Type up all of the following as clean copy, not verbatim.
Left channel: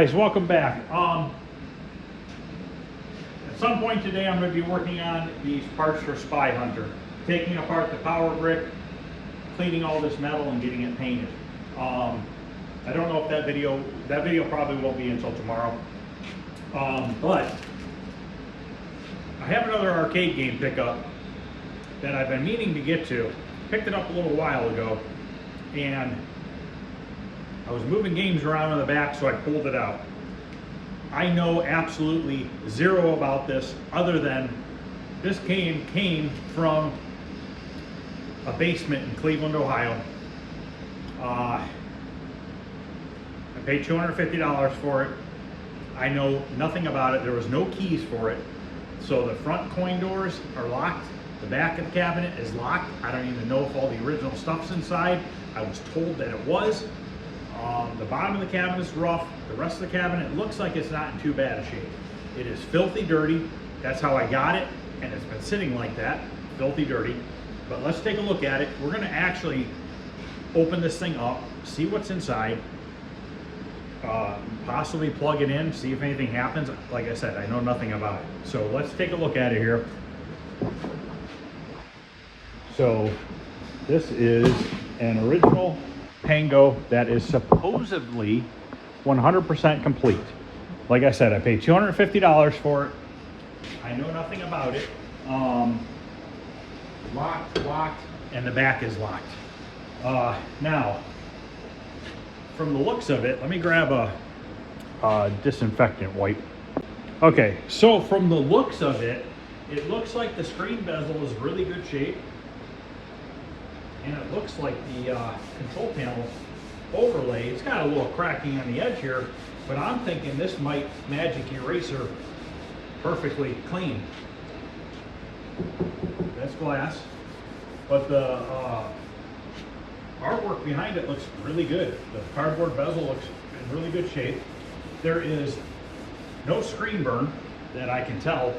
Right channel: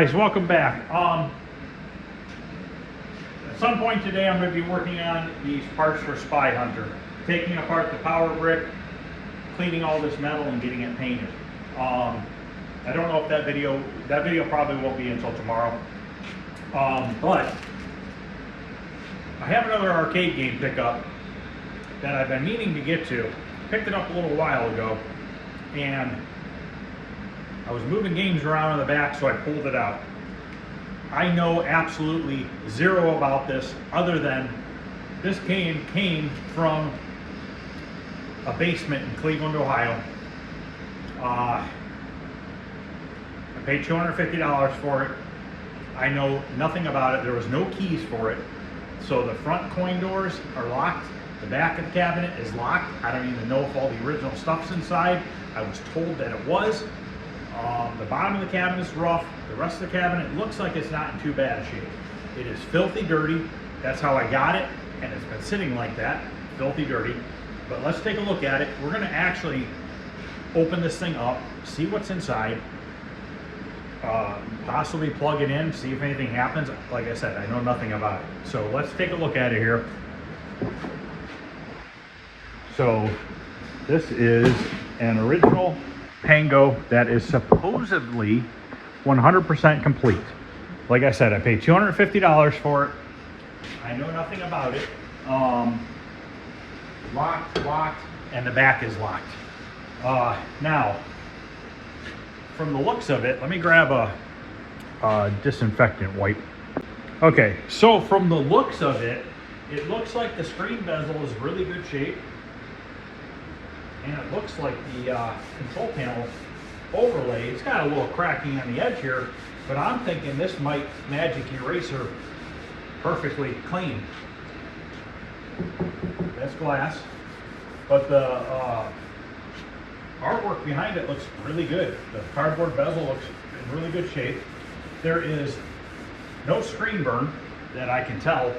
guys, welcome back. At some point today I'm going to be working on these parts for Spy Hunter, taking apart the power brick, cleaning all this metal and getting it painted. I don't know if that video probably won't be until tomorrow, but I have another arcade game pickup that I've been meaning to get to. Picked it up a little while ago, and I was moving games around in the back, so I pulled it out. I know absolutely zero about this, other than this came from a basement in Cleveland, Ohio. I paid $250 for it. I know nothing about it. There was no keys for it. So the front coin doors are locked. The back of the cabinet is locked. I don't even know if all the original stuff's inside. I was told that it was. The bottom of the cabinet is rough. The rest of the cabinet looks like it's not in too bad a shape. It is filthy dirty. That's how I got it, and it's been sitting like that, filthy dirty. But let's take a look at it. We're gonna actually open this thing up, see what's inside, possibly plug it in, see if anything happens. Like I said, I know nothing about it. So let's take a look at it here. So this is an original Pango that is supposedly 100% complete. Like I said, I paid $250 for it. I know nothing about it. Locked, and the back is locked. Now, from the looks of it, let me grab a disinfectant wipe. Okay, so from the looks of it, it looks like the screen bezel is really good shape. And it looks like the control panel overlay, it's got a little cracking on the edge here, but I'm thinking this might magic eraser perfectly clean. That's glass, but the artwork behind it looks really good. The cardboard bezel looks in really good shape. There is no screen burn that I can tell,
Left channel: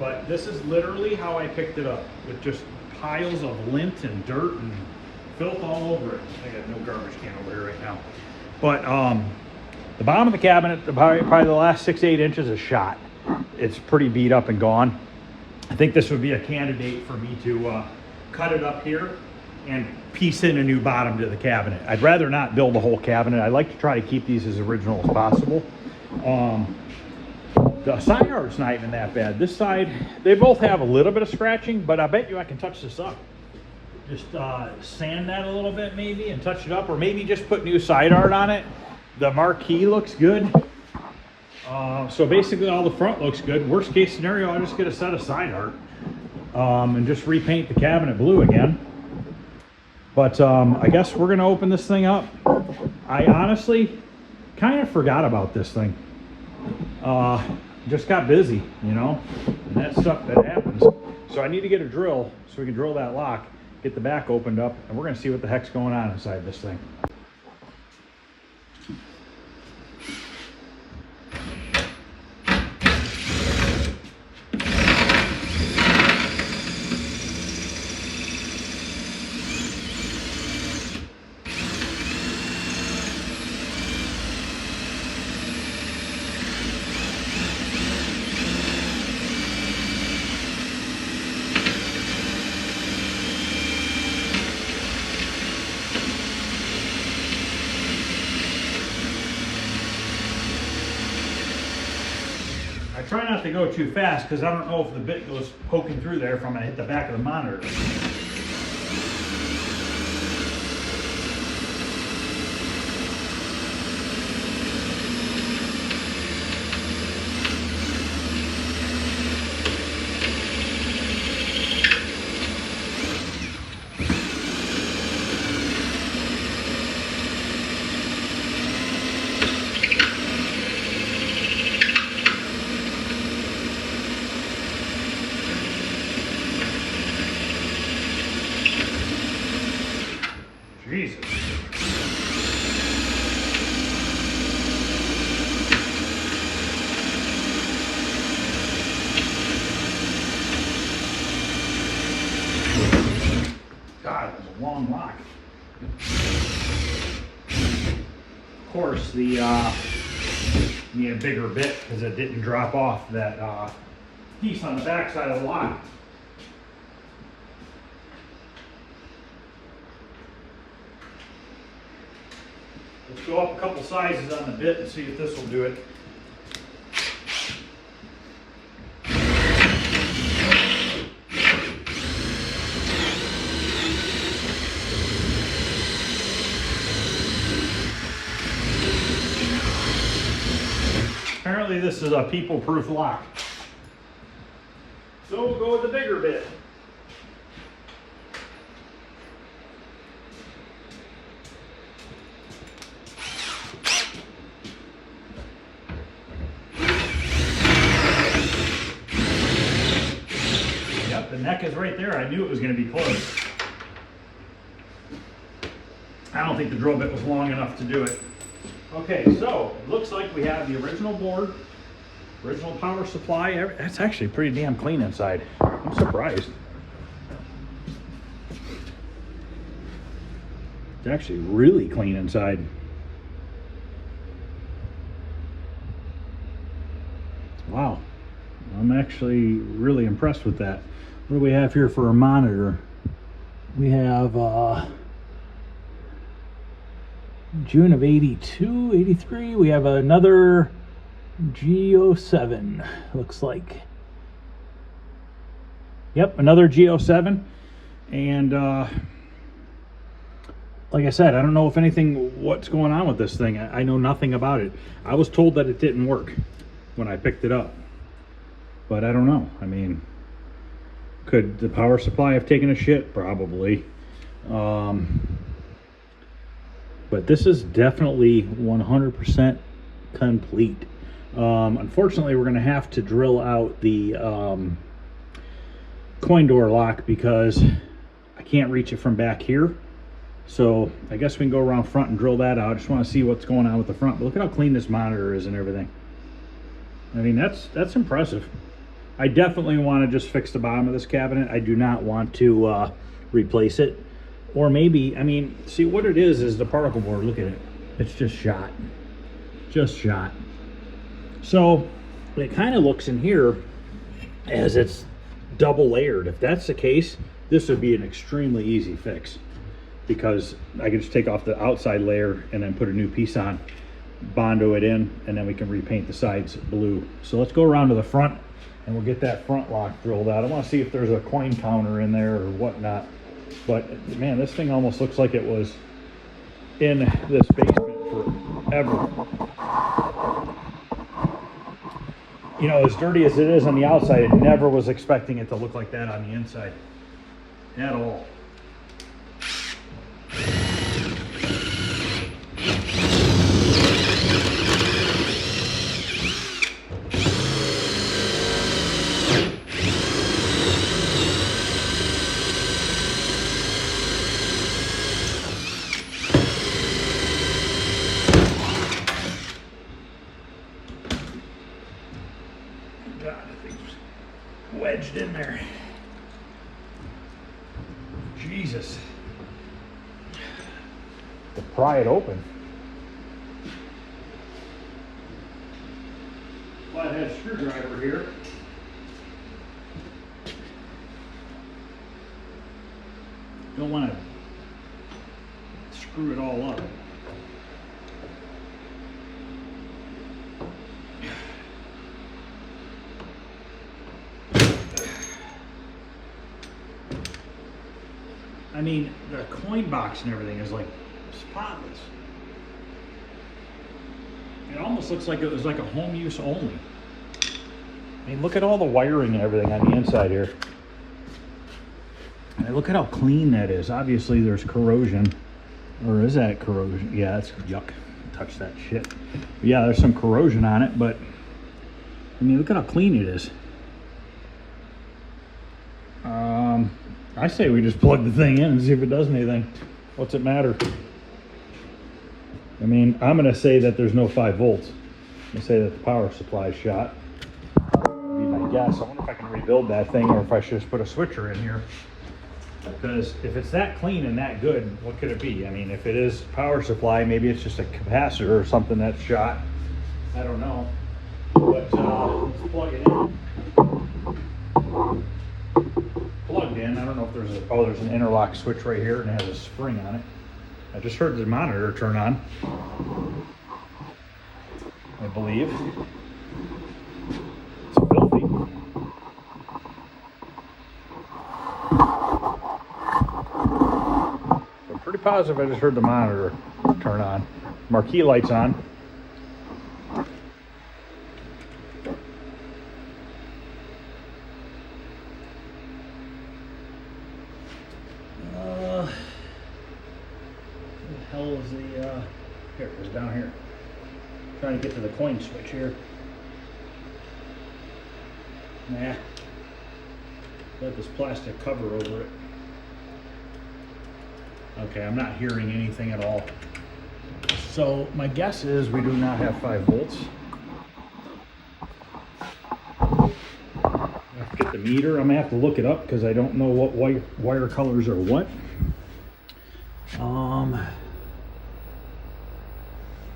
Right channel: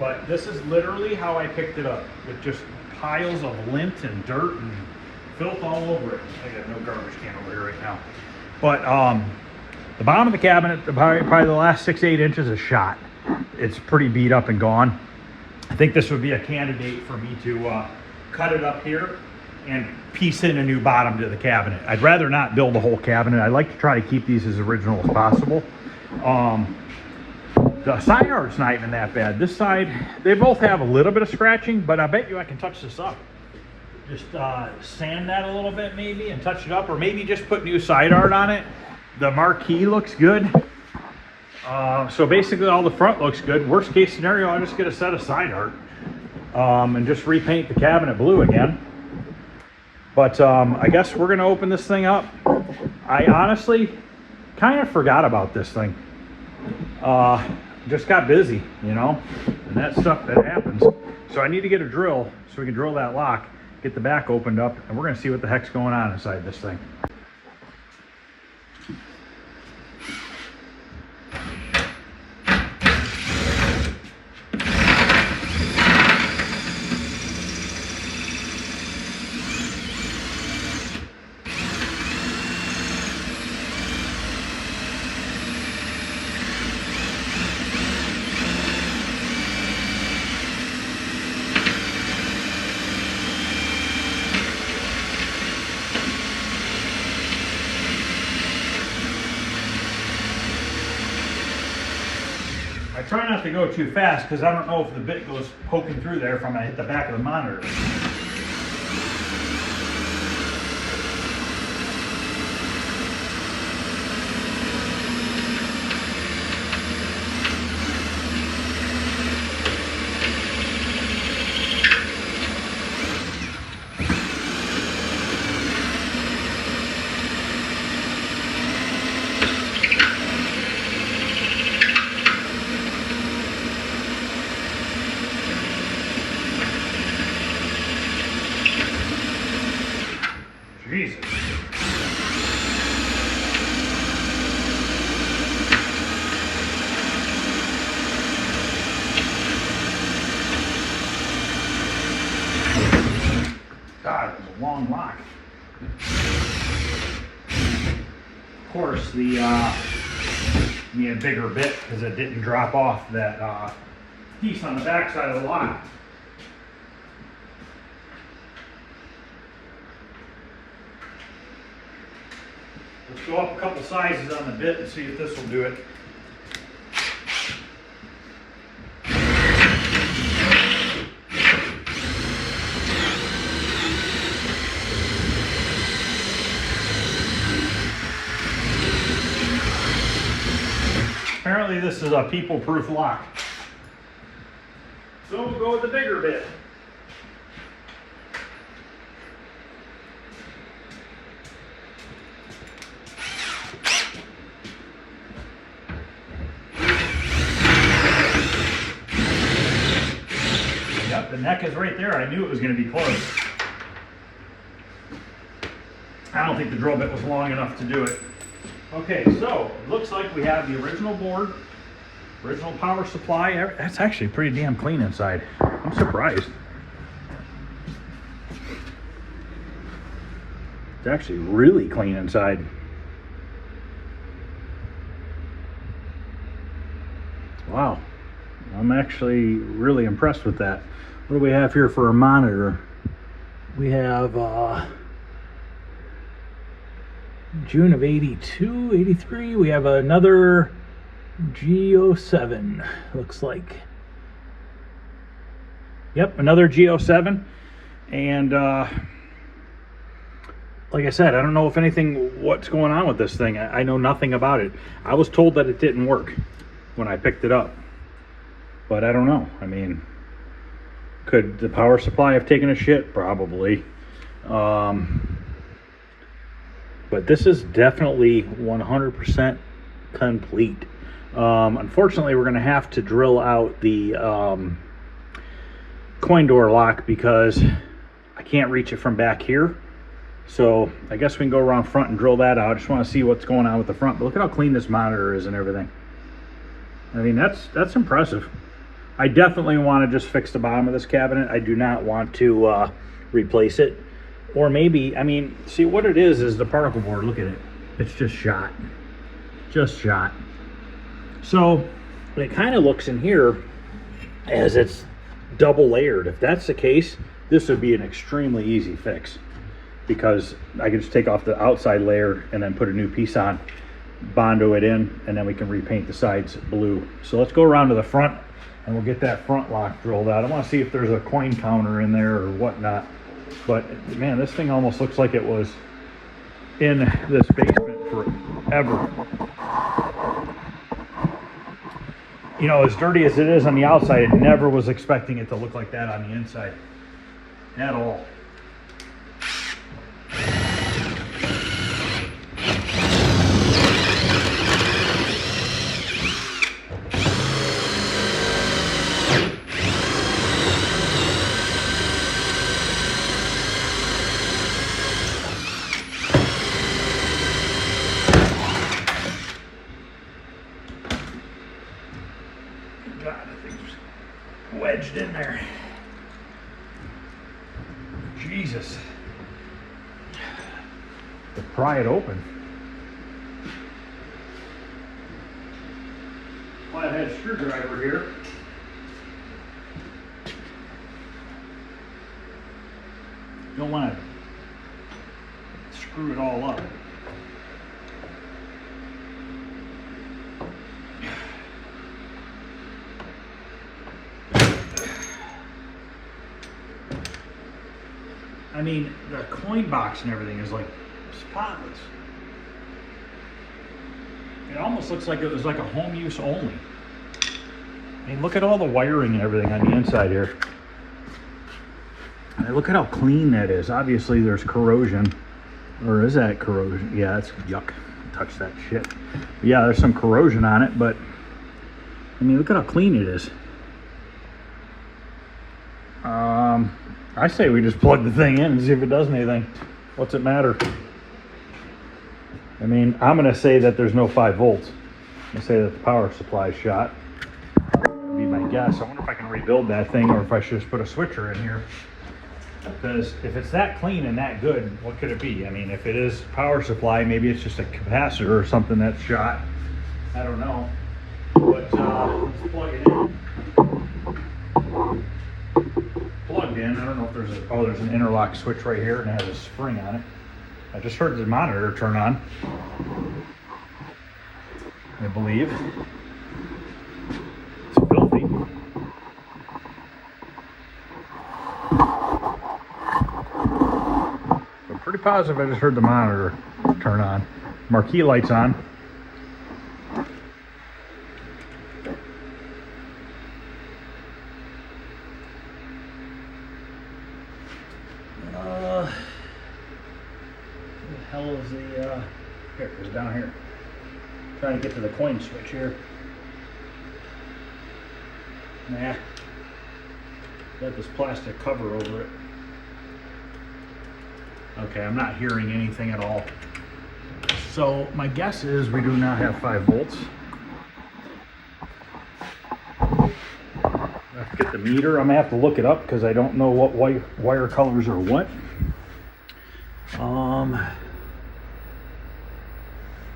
but this is literally how I picked it up, with just piles of lint and dirt and filth all over it. I got no garbage can over here right now. But the bottom of the cabinet, probably the last 6 to 8 inches is shot. It's pretty beat up and gone. I think this would be a candidate for me to cut it up here and piece in a new bottom to the cabinet. I'd rather not build a whole cabinet. I like to try to keep these as original as possible. The side art's not even that bad. This side, they both have a little bit of scratching, but I bet you I can touch this up. Just sand that a little bit maybe and touch it up, or maybe just put new side art on it. The marquee looks good. So basically all the front looks good. Worst case scenario, I'll just get a set of side art and just repaint the cabinet blue again. But I guess we're gonna open this thing up. I honestly kind of forgot about this thing. Just got busy, you know, and that stuff that happens. So I need to get a drill so we can drill that lock, get the back opened up, and we're gonna see what the heck's going on inside this thing. I try not to go too fast because I don't know if the bit goes poking through there if I'm gonna hit the back of the monitor. Jesus. God, it was a long lock. course, the need a bigger bit because it didn't drop off that piece on the back side of the lock. Let's go up a couple sizes on the bit and see if this will do it. Apparently this is a people-proof lock. So we'll go with the bigger bit. Yep, the neck is right there. I knew it was going to be close. I don't think the drill bit was long enough to do it. Okay, so it looks like we have the original board, original power supply. That's actually pretty damn clean inside. I'm surprised. It's actually really clean inside. Wow, I'm actually really impressed with that. What do we have here for a monitor? We have June of 82, 83. We have another G07, looks like. Yep, another G07. And like I said, I don't know if what's going on with this thing. I know nothing about it. I was told that it didn't work when I picked it up, but I don't know. I mean, could the power supply have taken a shit? Probably. But this is definitely 100% complete. Unfortunately, we're going to have to drill out the coin door lock because I can't reach it from back here. So I guess we can go around front and drill that out. I just want to see what's going on with the front. But look at how clean this monitor is and everything. I mean, that's impressive. I definitely want to just fix the bottom of this cabinet. I do not want to replace it. Or maybe, I mean, see what it is the particle board. Look at it. It's just shot. Just shot. So it kind of looks in here as it's double layered. If that's the case, this would be an extremely easy fix because I can just take off the outside layer and then put a new piece on, Bondo it in, and then we can repaint the sides blue. So let's go around to the front and we'll get that front lock drilled out. I want to see if there's a coin counter in there or whatnot. But man, this thing almost looks like it was in this basement forever. You know, as dirty as it is on the outside, I never was expecting it to look like that on the inside at all. God, I think it's wedged in there. Jesus. To pry it open. Flathead screwdriver here. Don't want to screw it all up. I mean, the coin box and everything is like spotless. It almost looks like it was like a home use only. I mean, look at all the wiring and everything on the inside here. And look at how clean that is. Obviously there's corrosion. Or is that corrosion? Yeah, that's yuck. Touch that shit. But yeah, there's some corrosion on it, but I mean, look at how clean it is. I say we just plug the thing in and see if it does anything. What's it matter? I mean, I'm going to say that there's no 5 volts. I'm going to say that the power supply is shot. That'd be my guess. I wonder if I can rebuild that thing or if I should just put a switcher in here. Because if it's that clean and that good, what could it be? I mean, if it is power supply, maybe it's just a capacitor or something that's shot. I don't know. But let's plug it in. Plugged in. I don't know if there's there's an interlock switch right here and it has a spring on it. I just heard the monitor turn on, I believe. It's filthy. I'm pretty positive I just heard the monitor turn on. Marquee lights on. What the hell is the, here it is down here. Trying to get to the coin switch here. Nah. Got this plastic cover over it. Okay, I'm not hearing anything at all. So my guess is we do not have 5 volts. I have to get the meter. I'm gonna have to look it up because I don't know what wire colors are what.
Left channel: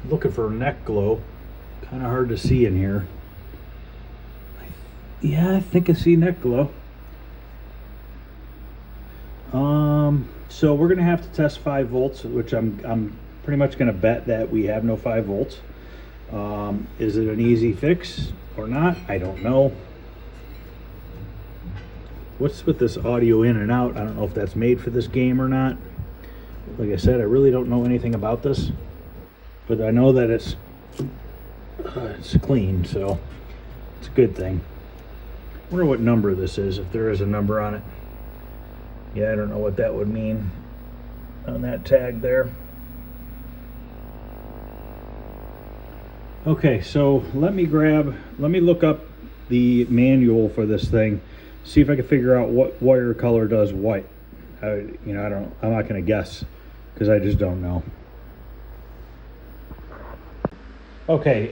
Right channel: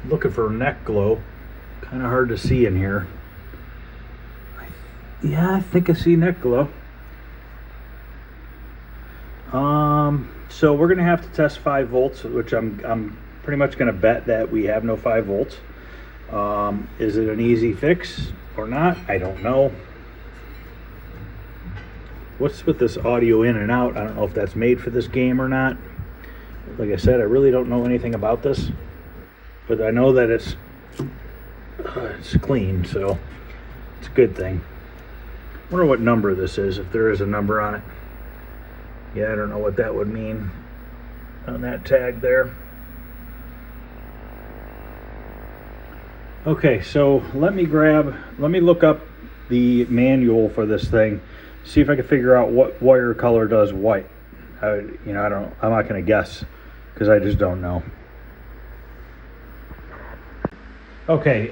Looking for neck glow. Kind of hard to see in here. Yeah, I think I see neck glow. So we're gonna have to test 5 volts, which I'm pretty much gonna bet that we have no 5 volts. Is it an easy fix or not? I don't know. What's with this audio in and out? I don't know if that's made for this game or not. Like I said, I really don't know anything about this, but I know that it's clean, so it's a good thing. I wonder what number this is, if there is a number on it. Yeah, I don't know what that would mean on that tag there. Okay, so let me look up the manual for this thing, see if I can figure out what wire color does what. I'm not gonna guess because I just don't know. Okay,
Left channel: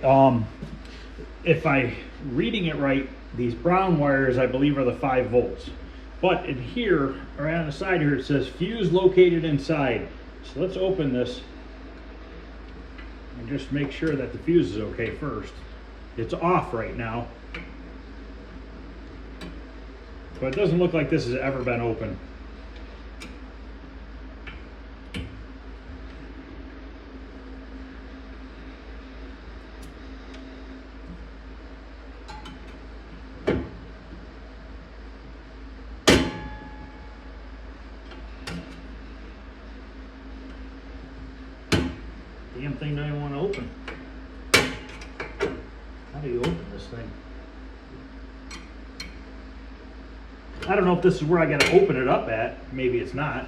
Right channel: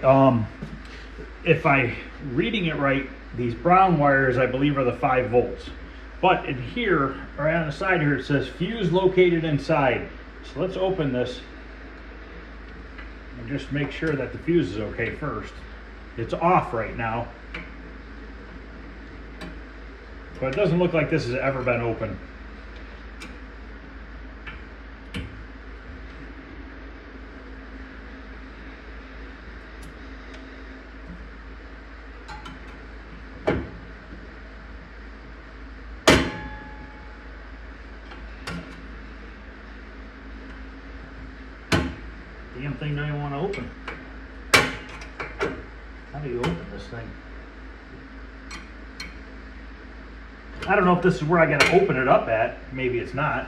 if I reading it right, these brown wires I believe are the 5 volts. But in here, right on the side here, it says fuse located inside. So let's open this and just make sure that the fuse is okay first. It's off right now, but it doesn't look like this has ever been open. Damn thing don't even want to open. How do you open this thing? I don't know if this is where I gotta open it up at. Maybe it's not.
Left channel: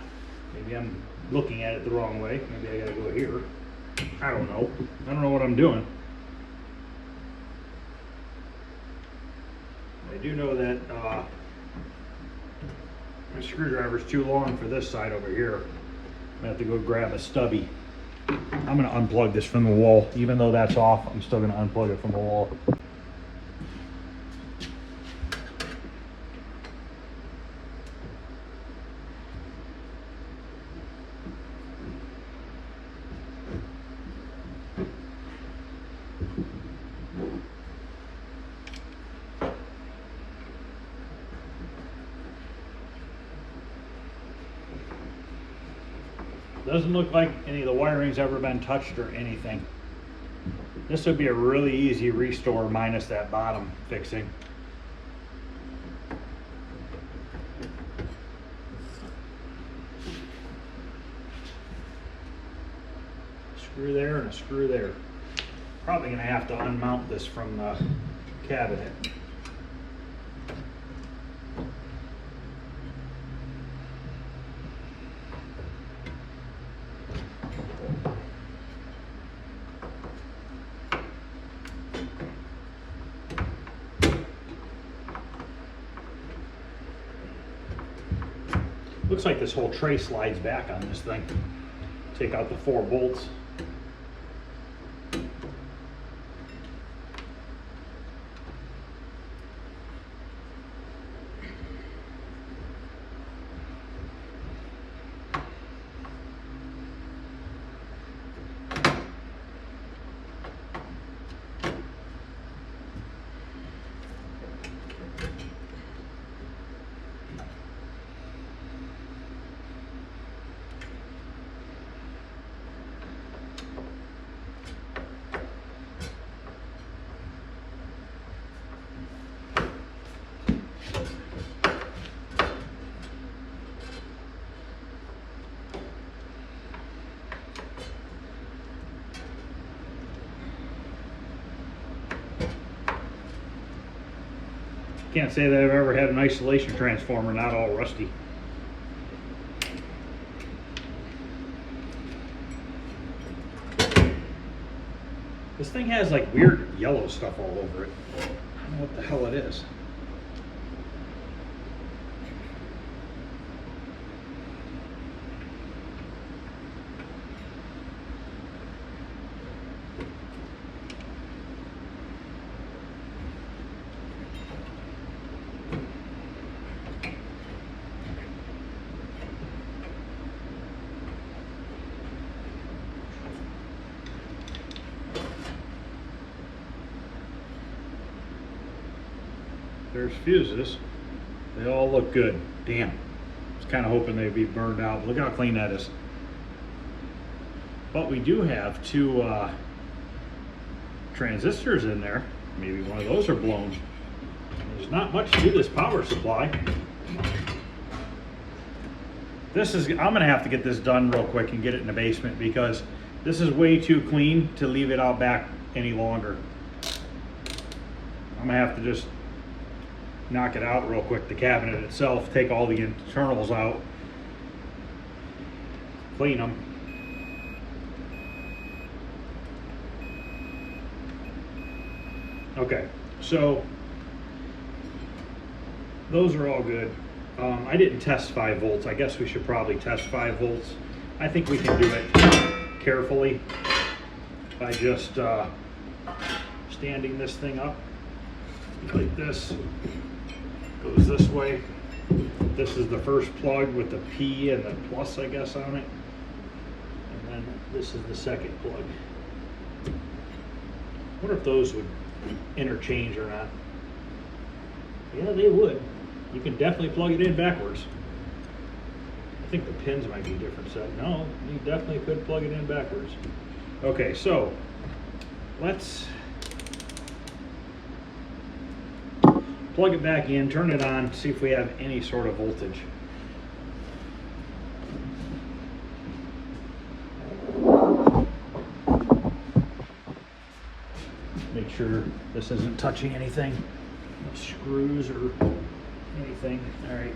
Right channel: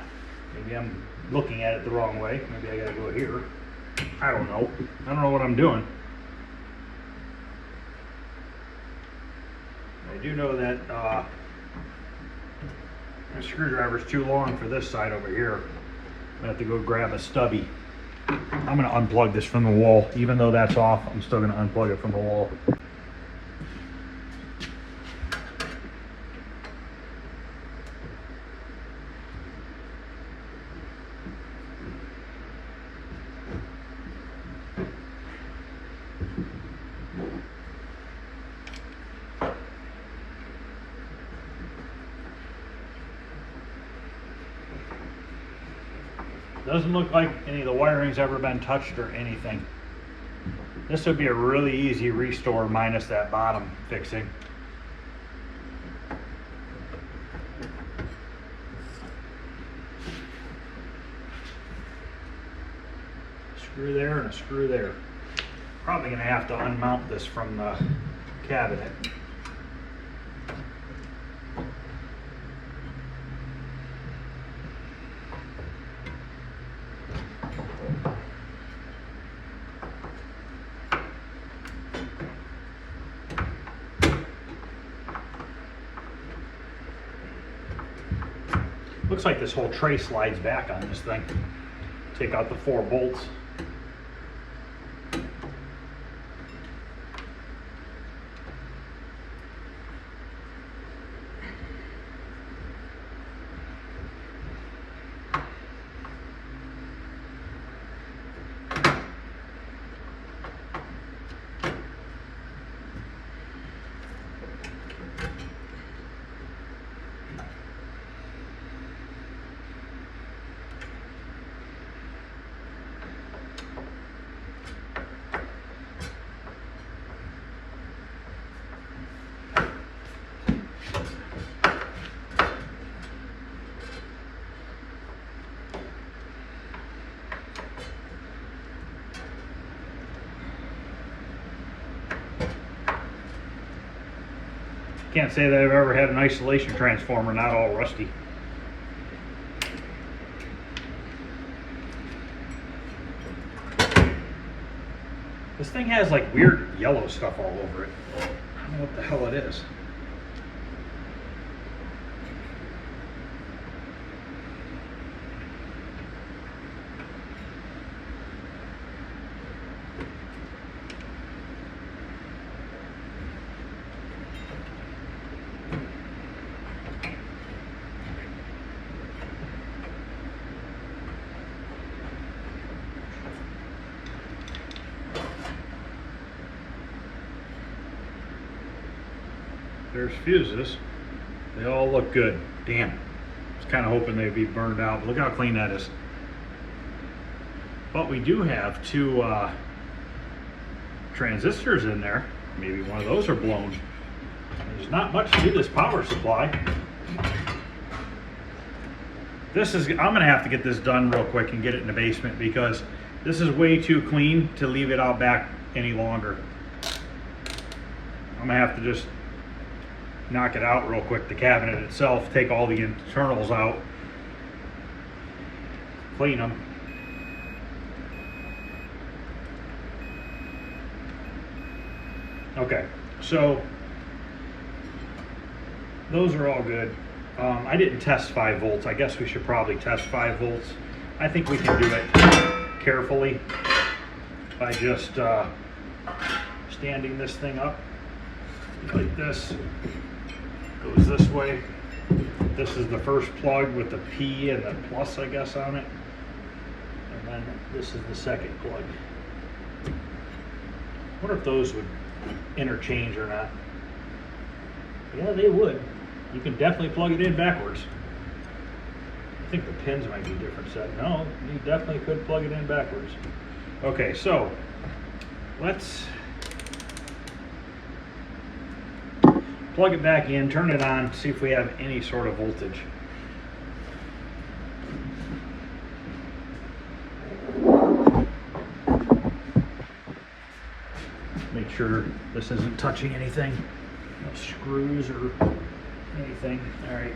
Maybe I'm looking at it the wrong way. Maybe I gotta go here. I don't know. I don't know what I'm doing. I do know that the screwdriver's too long for this side over here. I'm gonna have to go grab a stubby. I'm gonna unplug this from the wall. Even though that's off, I'm still gonna unplug it from the wall. Doesn't look like any of the wiring's ever been touched or anything. This would be a really easy restore minus that bottom fixing. Screw there and a screw there. Probably gonna have to unmount this from the cabinet. Looks like this whole tray slides back on this thing. Take out the 4 bolts. can't say that I've ever had an isolation transformer not all rusty. This thing has like weird yellow stuff all over it. I don't know what the hell it is. There's fuses. They all look good. Damn. I was kind of hoping they'd be burned out. Look how clean that is. But we do have two transistors in there. Maybe one of those are blown. There's not much to this power supply. I'm gonna have to get this done real quick and get it in the basement because this is way too clean to leave it out back any longer. I'm gonna have to just knock it out real quick, the cabinet itself, take all the internals out, clean them. Okay, so those are all good. I didn't test 5 volts. I guess we should probably test 5 volts. I think we can do it carefully by just standing this thing up like this. Goes this way. This is the first plug with the P and the plus, I guess, on it. And then this is the second plug. I wonder if those would interchange or not. Yeah, they would. You can definitely plug it in backwards. I think the pins might be different set. No, you definitely could plug it in backwards. Okay, so let's plug it back in, turn it on, see if we have any sort of voltage. Make sure this isn't touching anything, no screws or anything. All right.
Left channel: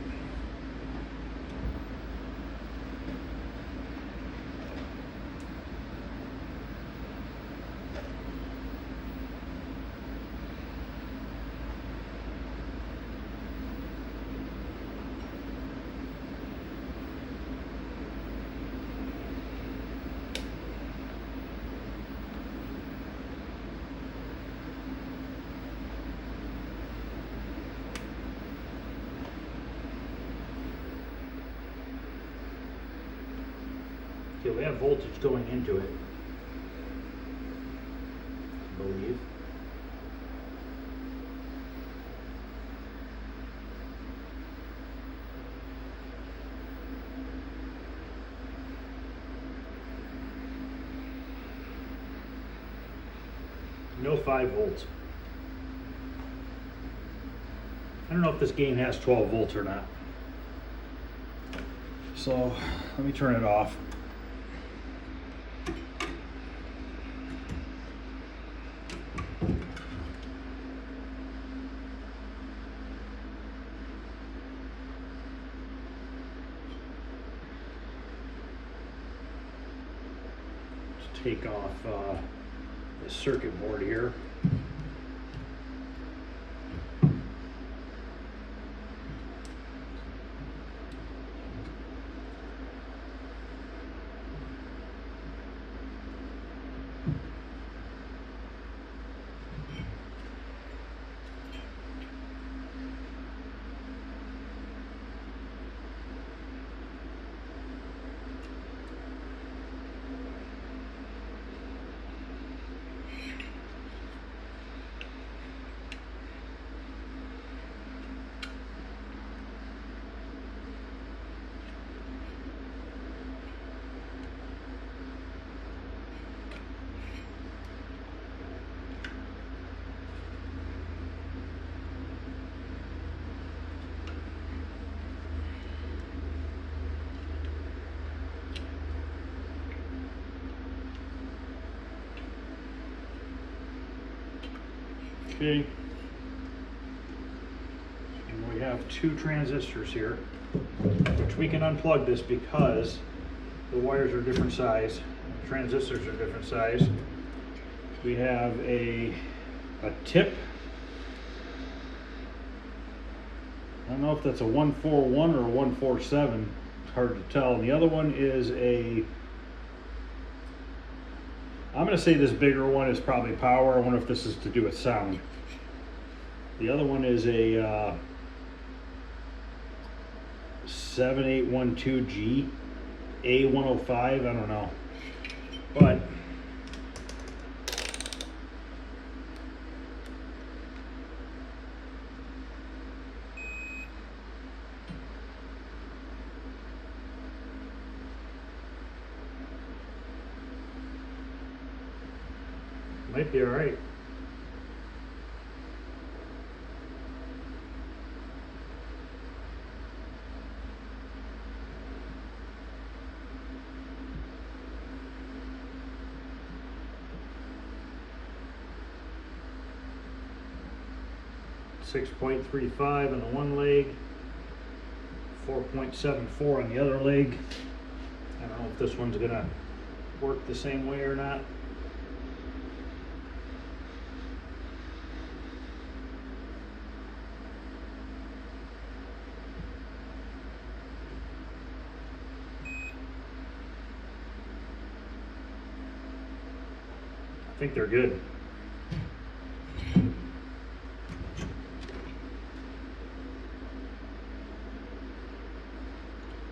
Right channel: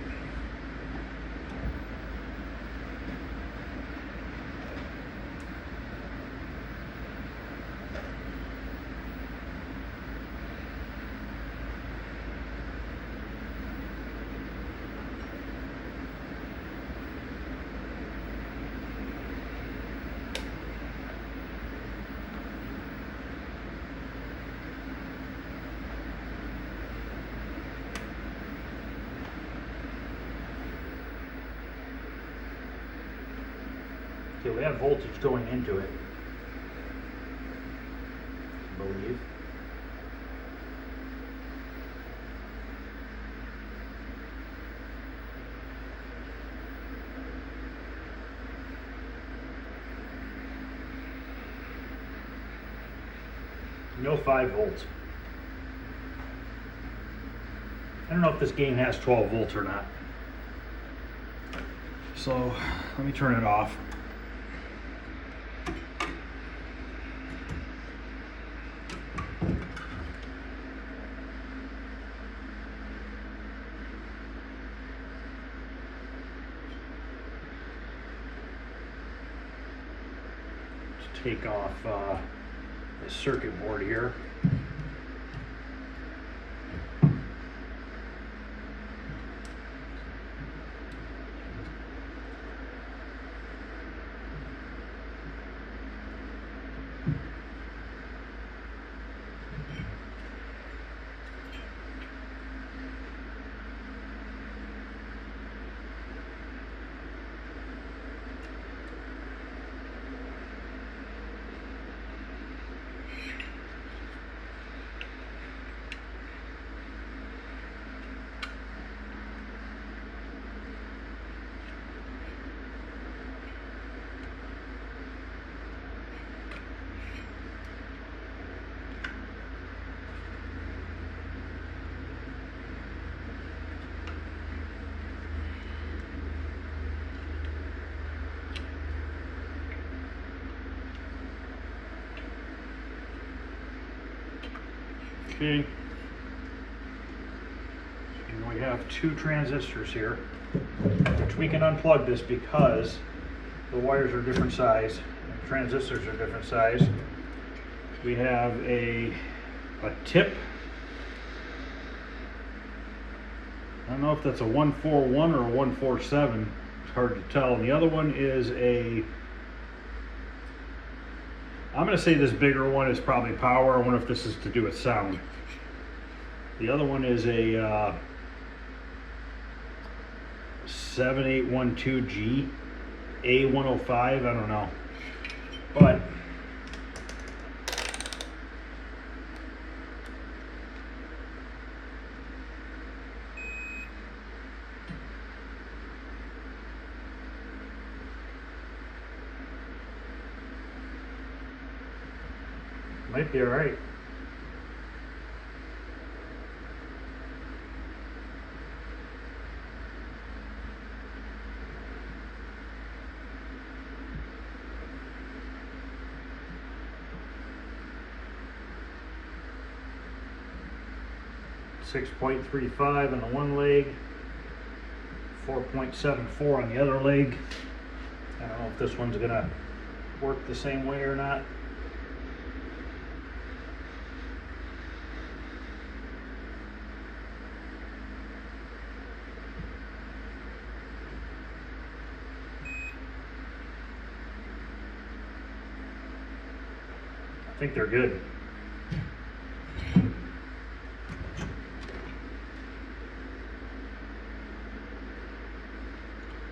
Okay, we have voltage going into it, I believe. No 5 volts. I don't know if this game has 12 volts or not. So let me turn it off. Take off the circuit board here. Okay. have 2 transistors here, which we can unplug this because the wires are different size, transistors are different size. We have a tip. I don't know if that's a 141 or a 147. It's hard to tell. And the other one is I'm going to say this bigger one is probably power. I wonder if this is to do with sound. The other one is a 7812G A105. I don't know, but might be all right. .35 on the one leg, 4.74 on the other leg. I don't know if this one's gonna work the same way or not. I think they're good.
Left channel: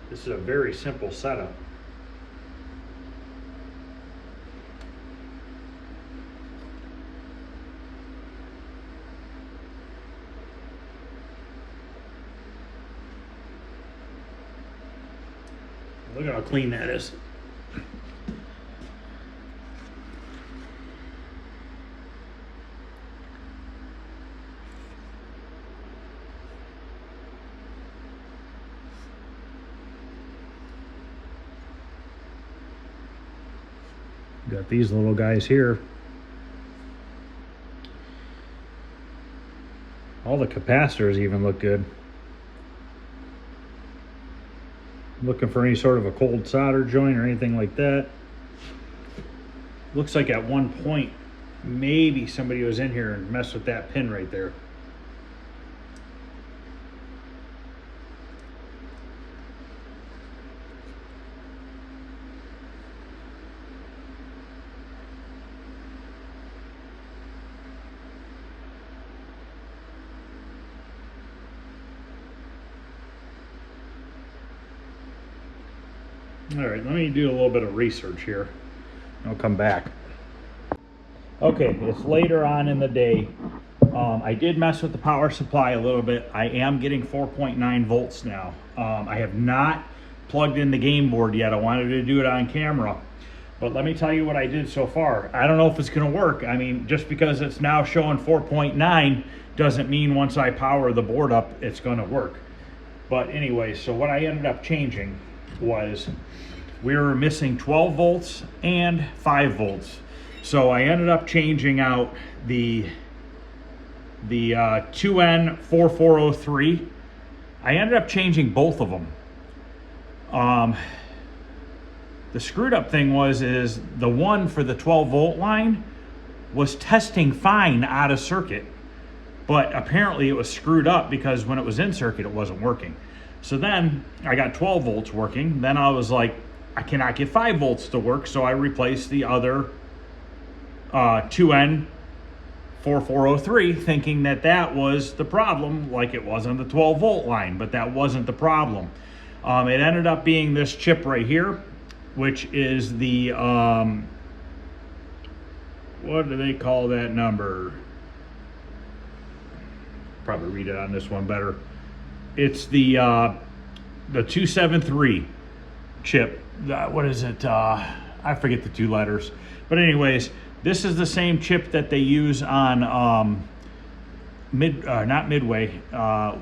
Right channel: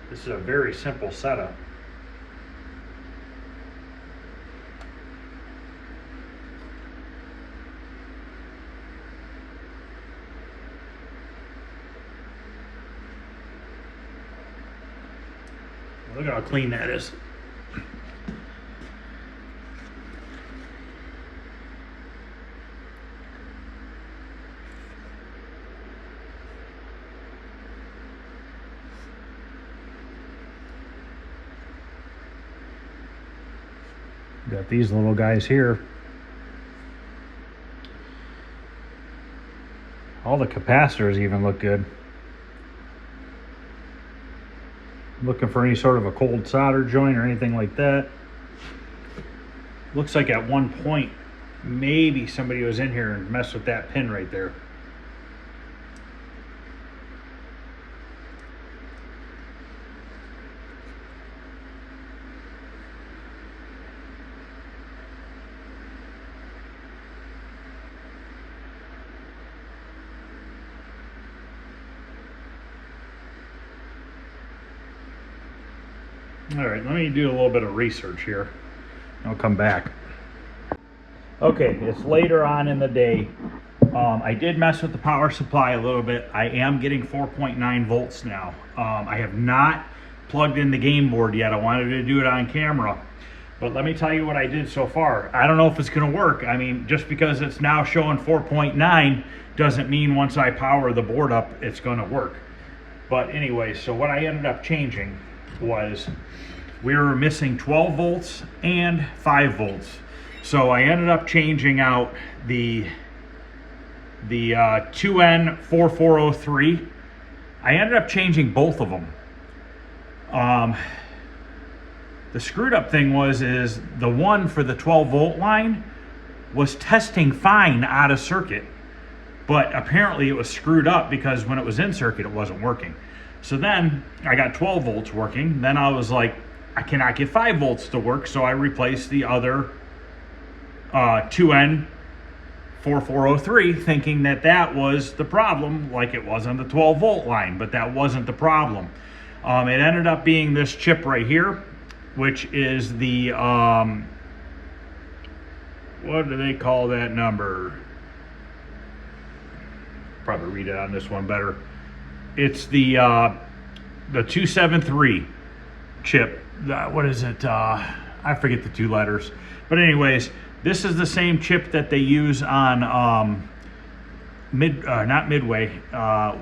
This is a very simple setup. Look how clean that is. Got these little guys here. All the capacitors even look good. Looking for any sort of a cold solder joint or anything like that. Looks like at one point maybe somebody was in here and messed with that pin right there. All right, let me do a little bit of research here. I'll come back. Okay, it's later on in the day. I did mess with the power supply a little bit. I am getting 4.9 volts now. I have not plugged in the game board yet. I wanted to do it on camera. But let me tell you what I did so far. I don't know if it's going to work. I mean, just because it's now showing 4.9 doesn't mean once I power the board up, it's going to work. But anyway, so what I ended up changing was we were missing 12 volts and 5 volts. So I ended up changing out the 2N4403. I ended up changing both of them. The screwed up thing is the one for the 12 volt line was testing fine out of circuit, but apparently it was screwed up because when it was in circuit it wasn't working. So then I got 12 volts working. Then I was like, I cannot get 5 volts to work, so I replaced the other 2N4403, thinking that that was the problem, like it was on the 12 volt line, but that wasn't the problem. It ended up being this chip right here, which is the, what do they call that number? Probably read it on this one better. It's the 273 chip. What is it? I forget the 2 letters. But anyways, this is the same chip that they use on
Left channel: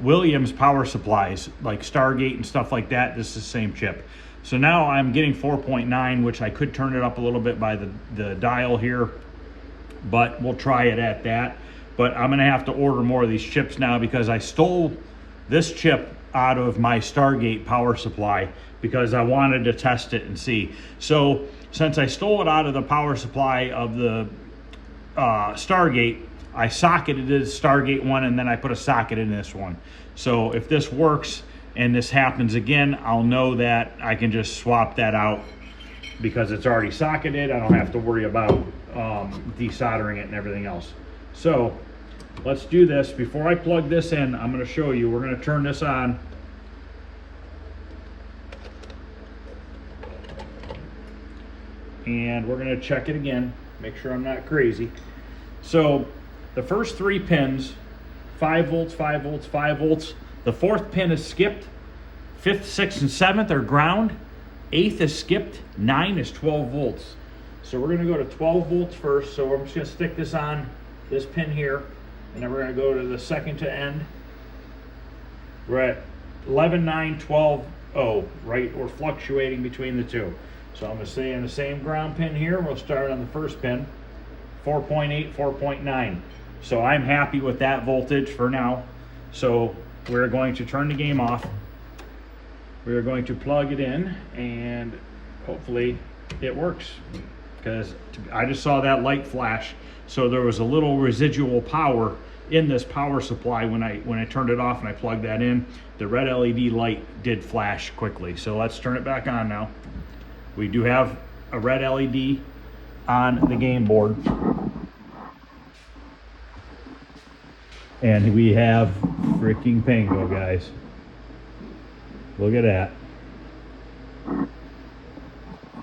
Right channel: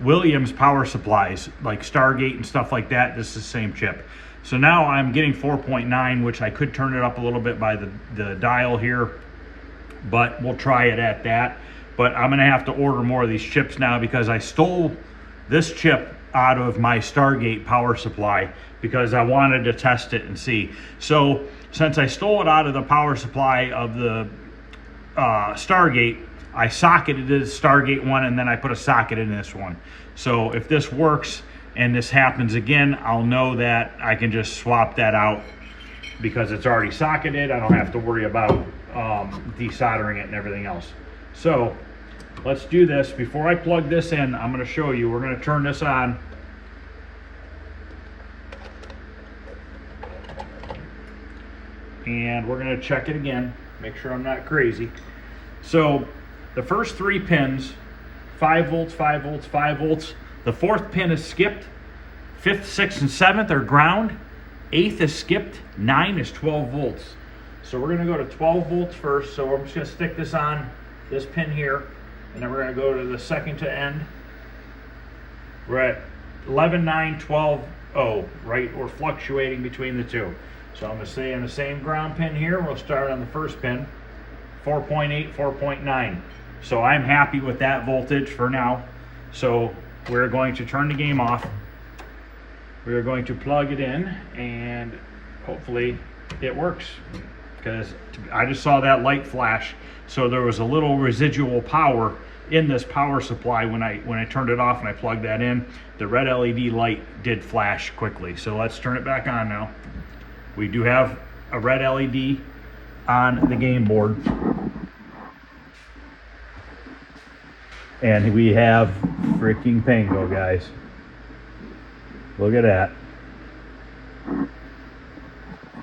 Williams power supplies, like Stargate and stuff like that. This is the same chip. So now I'm getting 4.9, which I could turn it up a little bit by the dial here, but we'll try it at that. But I'm gonna have to order more of these chips now because I stole this chip out of my Stargate power supply because I wanted to test it and see. So since I stole it out of the power supply of the Stargate, I socketed the Stargate one and then I put a socket in this one. So if this works and this happens again, I'll know that I can just swap that out because it's already socketed. I don't have to worry about desoldering it and everything else. So let's do this. Before I plug this in, I'm going to show you. We're going to turn this on. And we're going to check it again. Make sure I'm not crazy. So the first 3 pins, 5 volts, 5 volts, 5 volts. The 4th pin is skipped. 5th, 6th, and 7th are ground. 8th is skipped. 9 is 12 volts. So we're going to go to 12 volts first. So I'm just going to stick this on this pin here. And then we're going to go to the second to end. We're at 11, 9, 12, 0, right? We're fluctuating between the two. So I'm going to stay on the same ground pin here. We'll start on the first pin, 4.8, 4.9. So I'm happy with that voltage for now. So we're going to turn the game off. We're going to plug it in and hopefully it works, because I just saw that light flash. So there was a little residual power in this power supply when I turned it off and I plugged that in. The red LED light did flash quickly. So let's turn it back on now. We do have a red LED on the game board. And we have freaking Pango, guys. Look at that.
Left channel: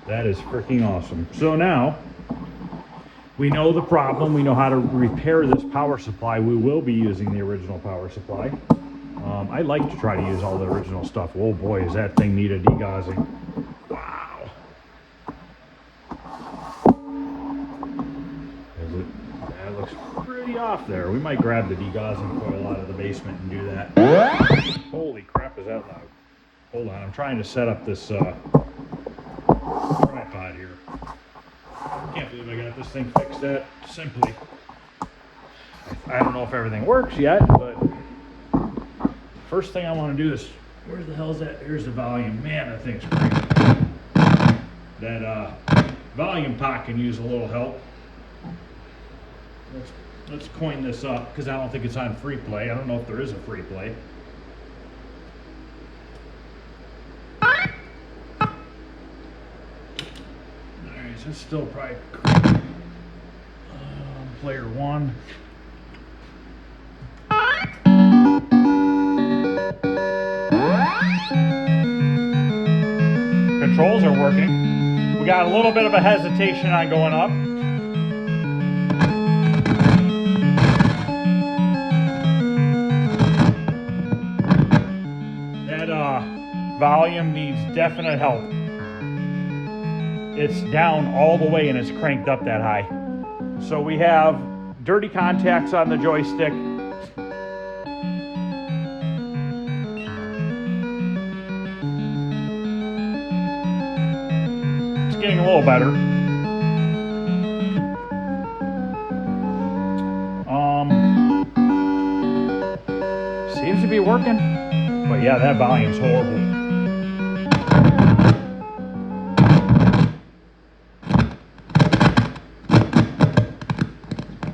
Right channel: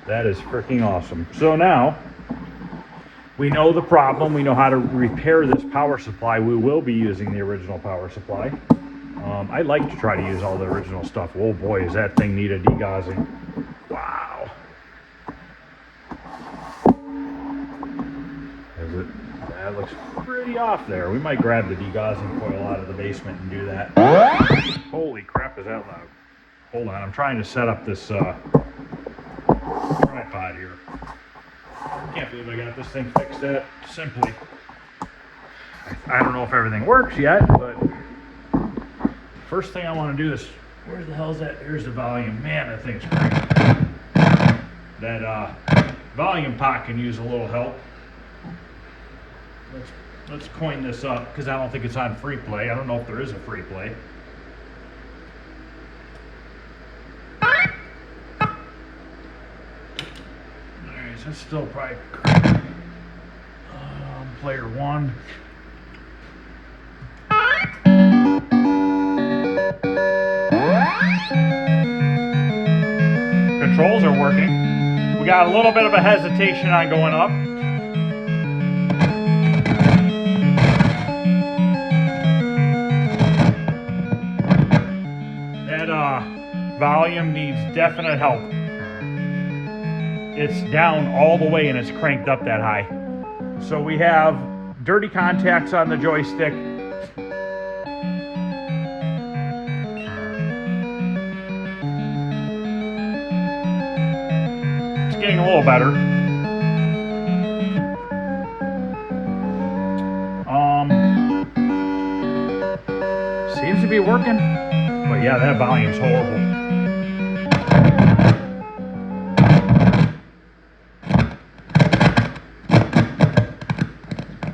That is freaking awesome. So now we know the problem. We know how to repair this power supply. We will be using the original power supply. I like to try to use all the original stuff. Oh boy, does that thing need a degaussing. Wow. That looks pretty off there. We might grab the degaussing coil out of the basement and do that. Holy crap, is that loud? Hold on, I'm trying to set up this tripod here. Can't believe I got this thing fixed that simply. I don't know if everything works yet, but first thing I want to do is, where the hell is that? Here's the volume. Man, that thing's great. That volume pot can use a little help. Let's coin this up, because I don't think it's on free play. I don't know if there is a free play. Alright, so it's still probably player 1. Controls are working. We got a little bit of a hesitation on going up. Volume needs definite help. It's down all the way and it's cranked up that high. So we have dirty contacts on the joystick. It's getting a little better. Seems to be working. But yeah, that volume's horrible.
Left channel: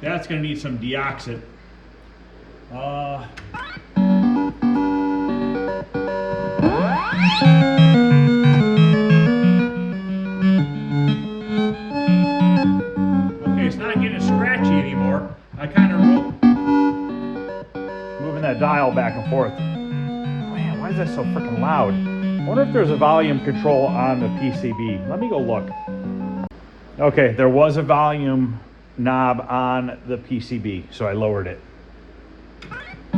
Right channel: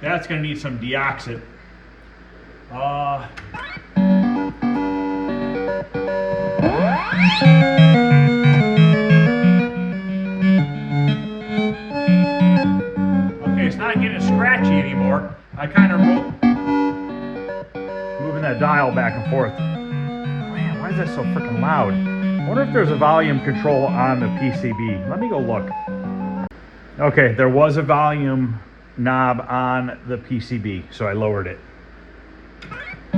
That's going to need some deoxit. Okay, it's not getting scratchy anymore. I kind of moving that dial back and forth. Man, why is that so freaking loud? I wonder if there's a volume control on the PCB. Let me go look. Okay, there was a volume knob on the PCB, so I lowered it. A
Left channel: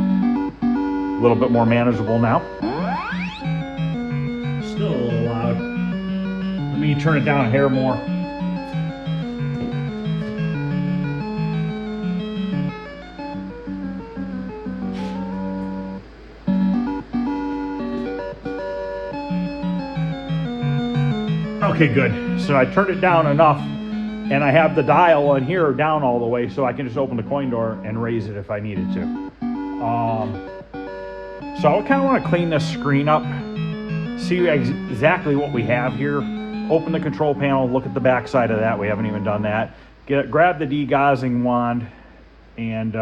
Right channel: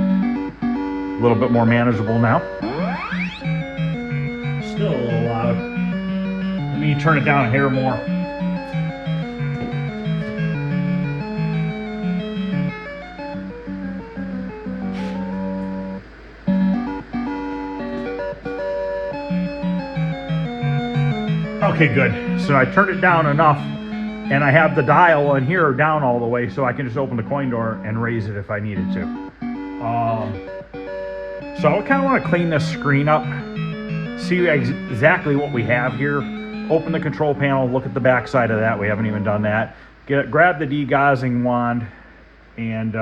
little bit more manageable now. Still a little loud. Let me turn it down a hair more. Okay, good. So I turned it down enough. And I have the dial in here down all the way, so I can just open the coin door and raise it if I needed to. So I kind of want to clean this screen up, see exactly what we have here. Open the control panel, look at the back side of that. We haven't even done that. Grab the degaussing wand and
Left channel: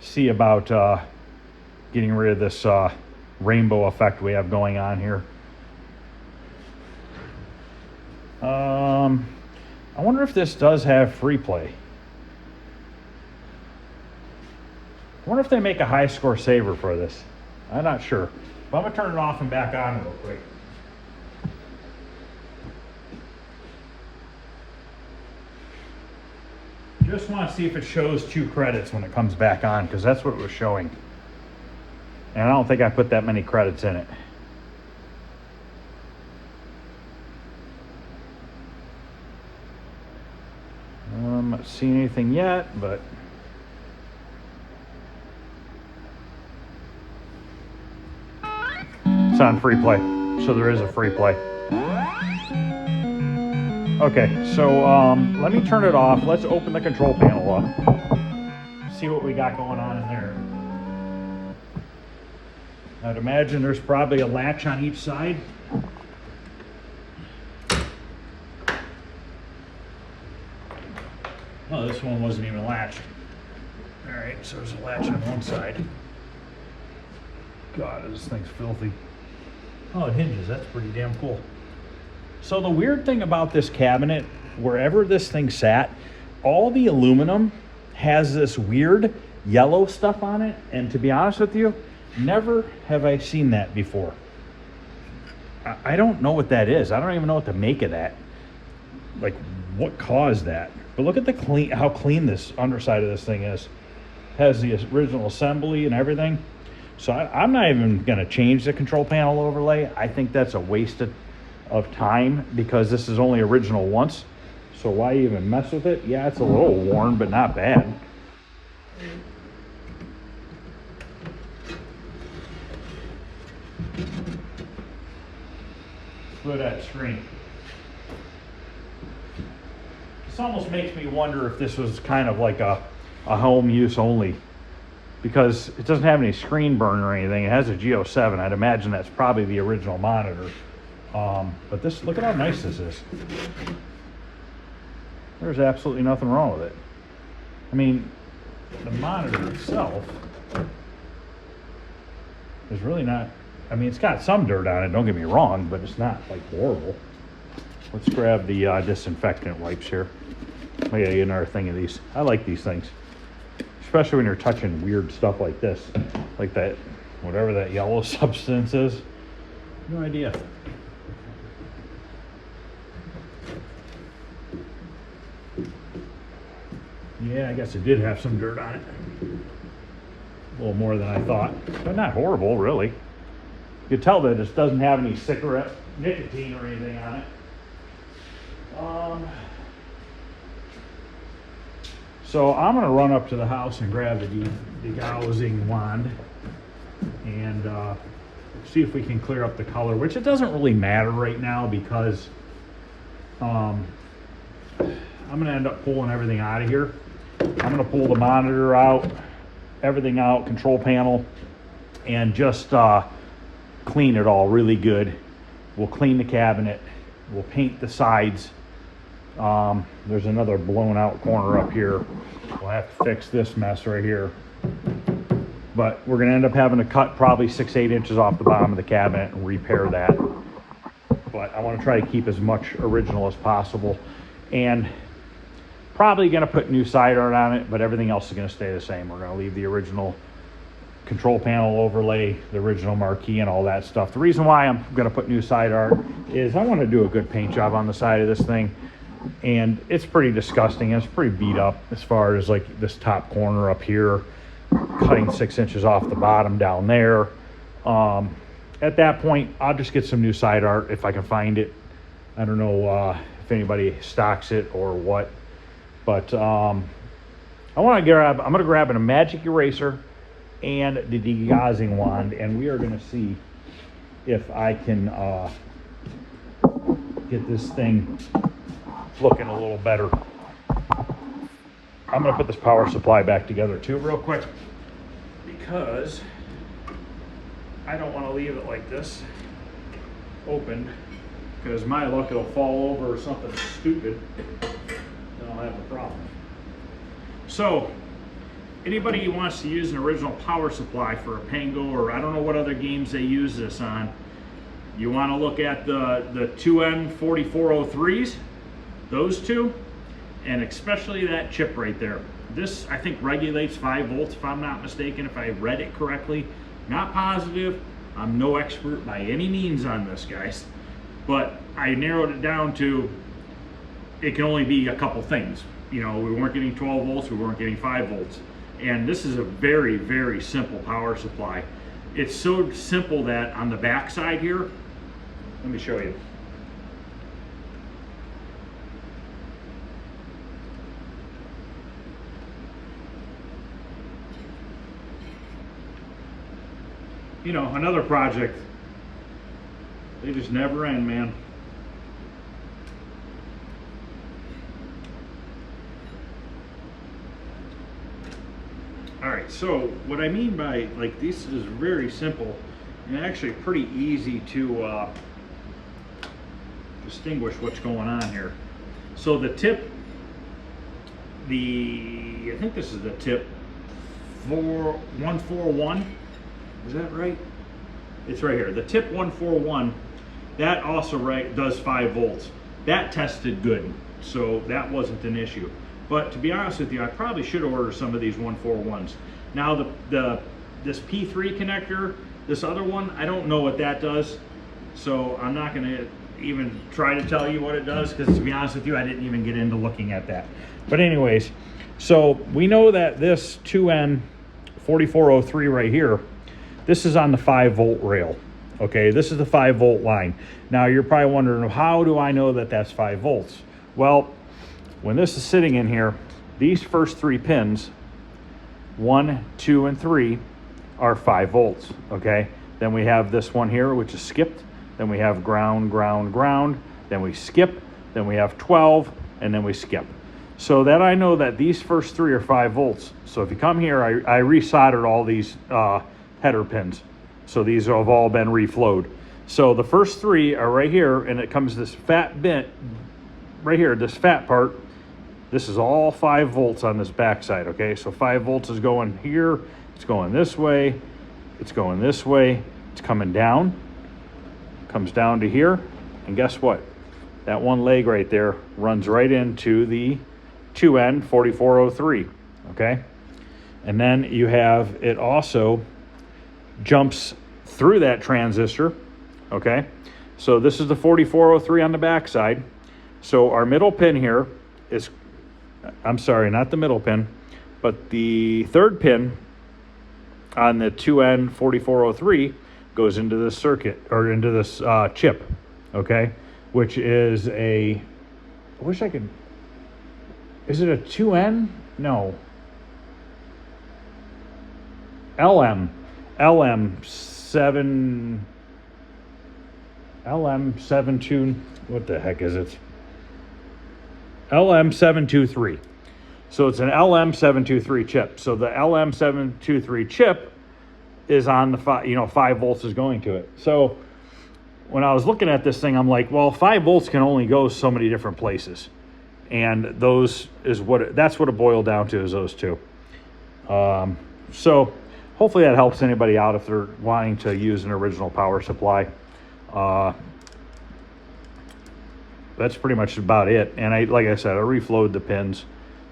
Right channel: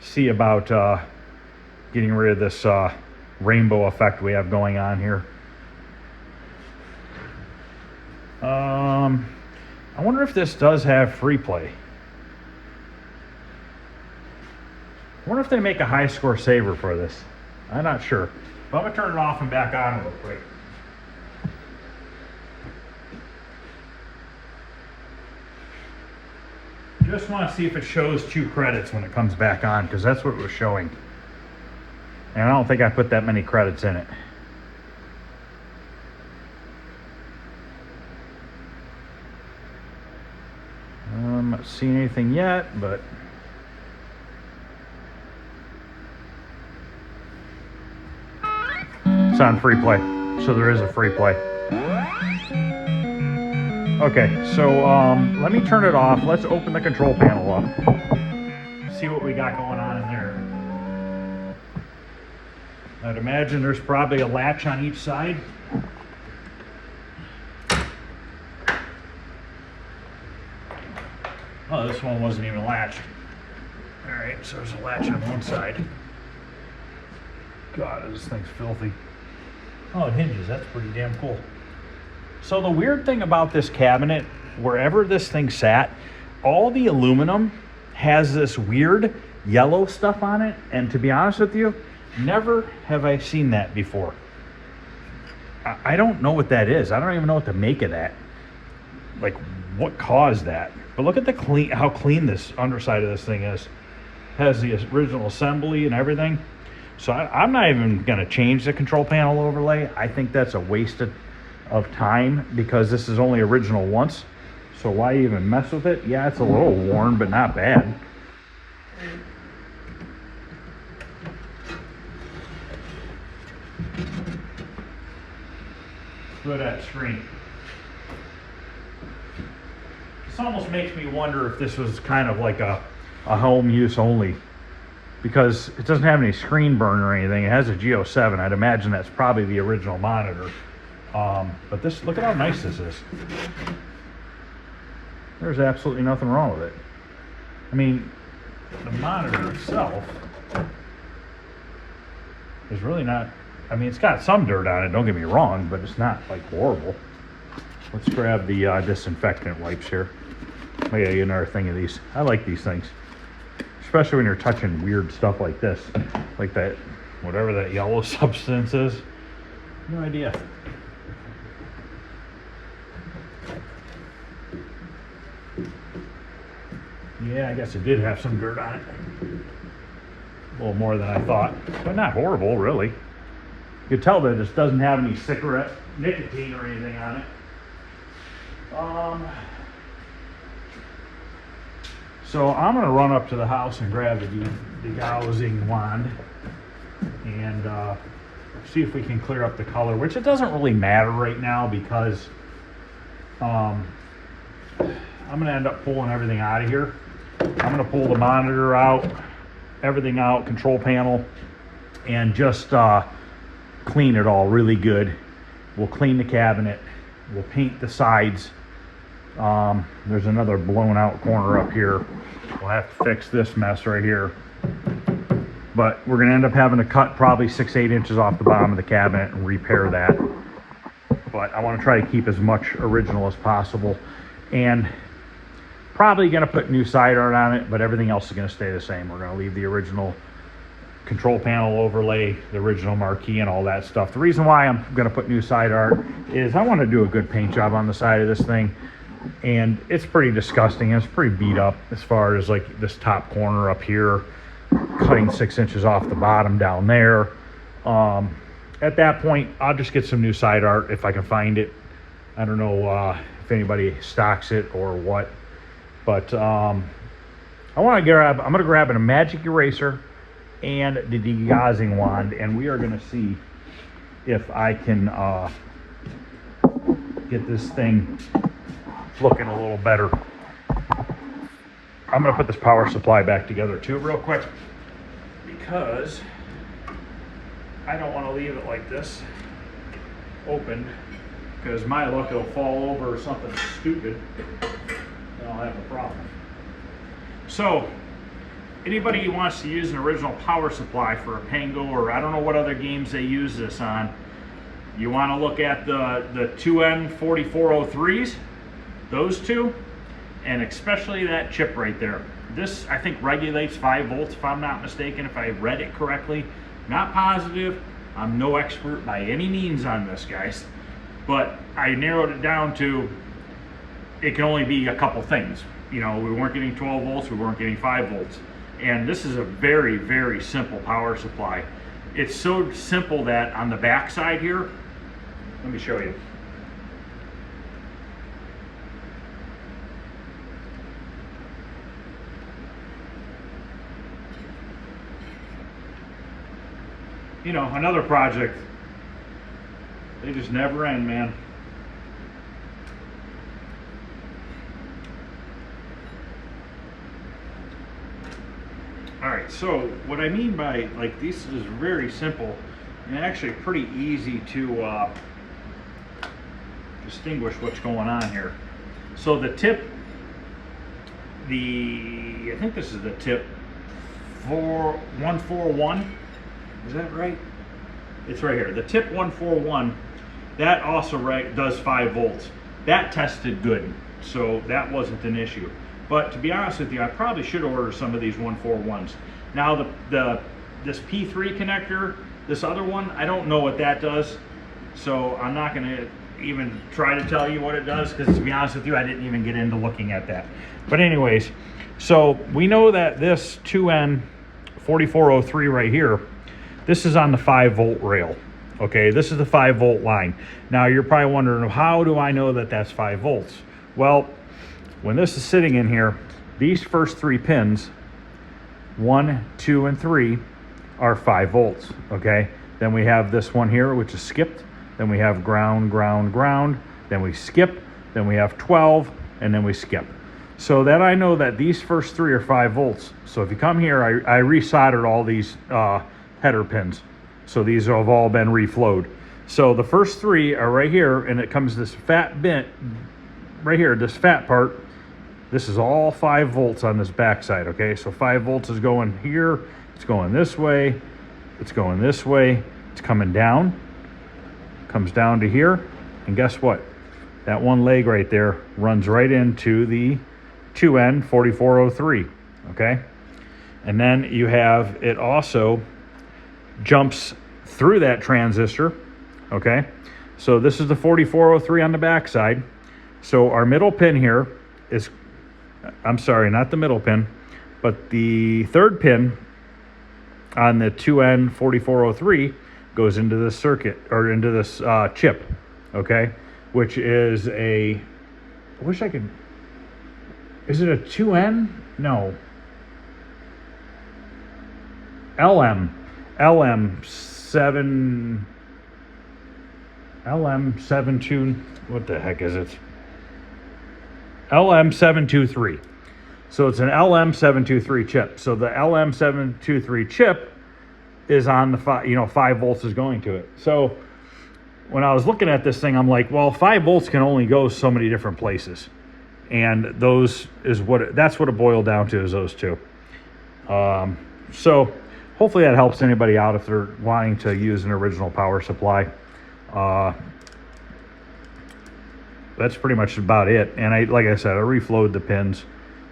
see about getting rid of this rainbow effect we have going on here. I wonder if this does have free play. I wonder if they make a high score saver for this. I'm not sure. But I'm gonna turn it off and back on real quick. Just want to see if it shows 2 credits when it comes back on, because that's what it was showing. And I don't think I put that many credits in it. I'm not seeing anything yet, but it's on free play, so there is a free play. Okay, so let me turn it off. Let's open the control panel up. See what we got going on in there. I'd imagine there's probably a latch on each side. Oh, this one wasn't even latched. All right, so there's a latch on one side. God, this thing's filthy. Oh, it hinges. That's pretty damn cool. So the weird thing about this cabinet, wherever this thing sat, all the aluminum has this weird yellow stuff on it. And to be honest with you, never have I seen that before. I don't know what that is. I don't even know what to make of that. Like, what caused that? But look at the how clean this underside of this thing is. Has the original assembly and everything. So I'm not even going to change the control panel overlay. I think that's a waste of time, because this is only original once. So why even mess with it? Yeah, it's a little worn, but not bad. Look at that screen. This almost makes me wonder if this was kind of like a home use only, because it doesn't have any screen burn or anything. It has a G07. I'd imagine that's probably the original monitor. But this, look at how nice this is. There's absolutely nothing wrong with it. I mean, the monitor itself is really not, I mean, it's got some dirt on it, don't get me wrong, but it's not like horrible. Let's grab the disinfectant wipes here. I gotta get another thing of these. I like these things, especially when you're touching weird stuff like this, like that, whatever that yellow substance is. No idea. Yeah, I guess it did have some dirt on it. A little more than I thought, but not horrible, really. You can tell that this doesn't have any cigarette nicotine or anything on it. So I'm going to run up to the house and grab the degaussing wand and see if we can clear up the color, which it doesn't really matter right now, because I'm going to end up pulling everything out of here. I'm going to pull the monitor out, everything out, control panel, and just clean it all really good. We'll clean the cabinet. We'll paint the sides. There's another blown out corner up here. We'll have to fix this mess right here. But we're going to end up having to cut probably 6-8 inches off the bottom of the cabinet and repair that. But I want to try to keep as much original as possible. And probably going to put new side art on it, but everything else is going to stay the same. We're going to leave the original control panel overlay, the original marquee, and all that stuff. The reason why I'm going to put new side art is I want to do a good paint job on the side of this thing. And it's pretty disgusting. It's pretty beat up as far as like this top corner up here, cutting 6 inches off the bottom down there. At that point, I'll just get some new side art if I can find it. I don't know if anybody stocks it or what, but I'm going to grab a magic eraser and the degaussing wand, and we are going to see if I can get this thing looking a little better. I'm going to put this power supply back together too real quick. because I don't want to leave it like this opened, because my luck it'll fall over or something stupid and I'll have a problem. So anybody who wants to use an original power supply for a Pango, or I don't know what other games they use this on, you want to look at the 2N4403s, those two, and especially that chip right there. This, I think, regulates 5 volts if I'm not mistaken, if I read it correctly. Not positive. I'm no expert by any means on this, guys, but I narrowed it down to it can only be a couple things. You know, we weren't getting 12 volts, we weren't getting 5 volts. And this is a very, very simple power supply. It's so simple that on the back side here, let me show you. You know, another project, they just never end, man. All right, so what I mean by, like, this is very simple and actually pretty easy to distinguish what's going on here. So the tip, I think this is the tip 141, is that right? It's right here, the tip 141, that also does 5 volts. That tested good, so that wasn't an issue. But to be honest with you, I probably should order some of these 141s. Now this P3 connector, this other one, I don't know what that does, so I'm not going to even try to tell you what it does, because to be honest with you, I didn't even get into looking at that. But anyways, so we know that this 2N4403 right here, this is on the 5 volt rail. Okay, this is the 5 volt line. Now you're probably wondering, how do I know that that's 5 volts? Well, when this is sitting in here, these first 3 pins, 1, 2, and 3, are 5 volts, okay? Then we have this one here, which is skipped. Then we have ground, ground, ground. Then we skip. Then we have 12, and then we skip. So that I know that these first 3 are 5 volts. So if you come here, I resoldered all these header pins. So these have all been reflowed. So the first 3 are right here, and it comes this fat bit right here, this fat part. This is all 5 volts on this backside, okay? So 5 volts is going here, it's going this way, it's going this way, it's coming down, comes down to here, and guess what? That one leg right there runs right into the 2N4403, okay? And then you have, it also jumps through that transistor, okay? So this is the 4403 on the backside. So our middle pin here is, I'm sorry, not the middle pin, but the 3rd pin on the 2N4403 goes into this circuit, or into this chip, okay? Which is a, I wish I could, is it a 2N? No. LM72, what the heck is it? LM723. So it's an LM723 chip. So the LM723 chip is on the 5 volts is going to it. So when I was looking at this thing, I'm like, well, 5 volts can only go so many different places, and those is that's what it boiled down to, is those two. So hopefully that helps anybody out if they're wanting to use an original power supply. That's pretty much about it. And like I said, I reflowed the pins,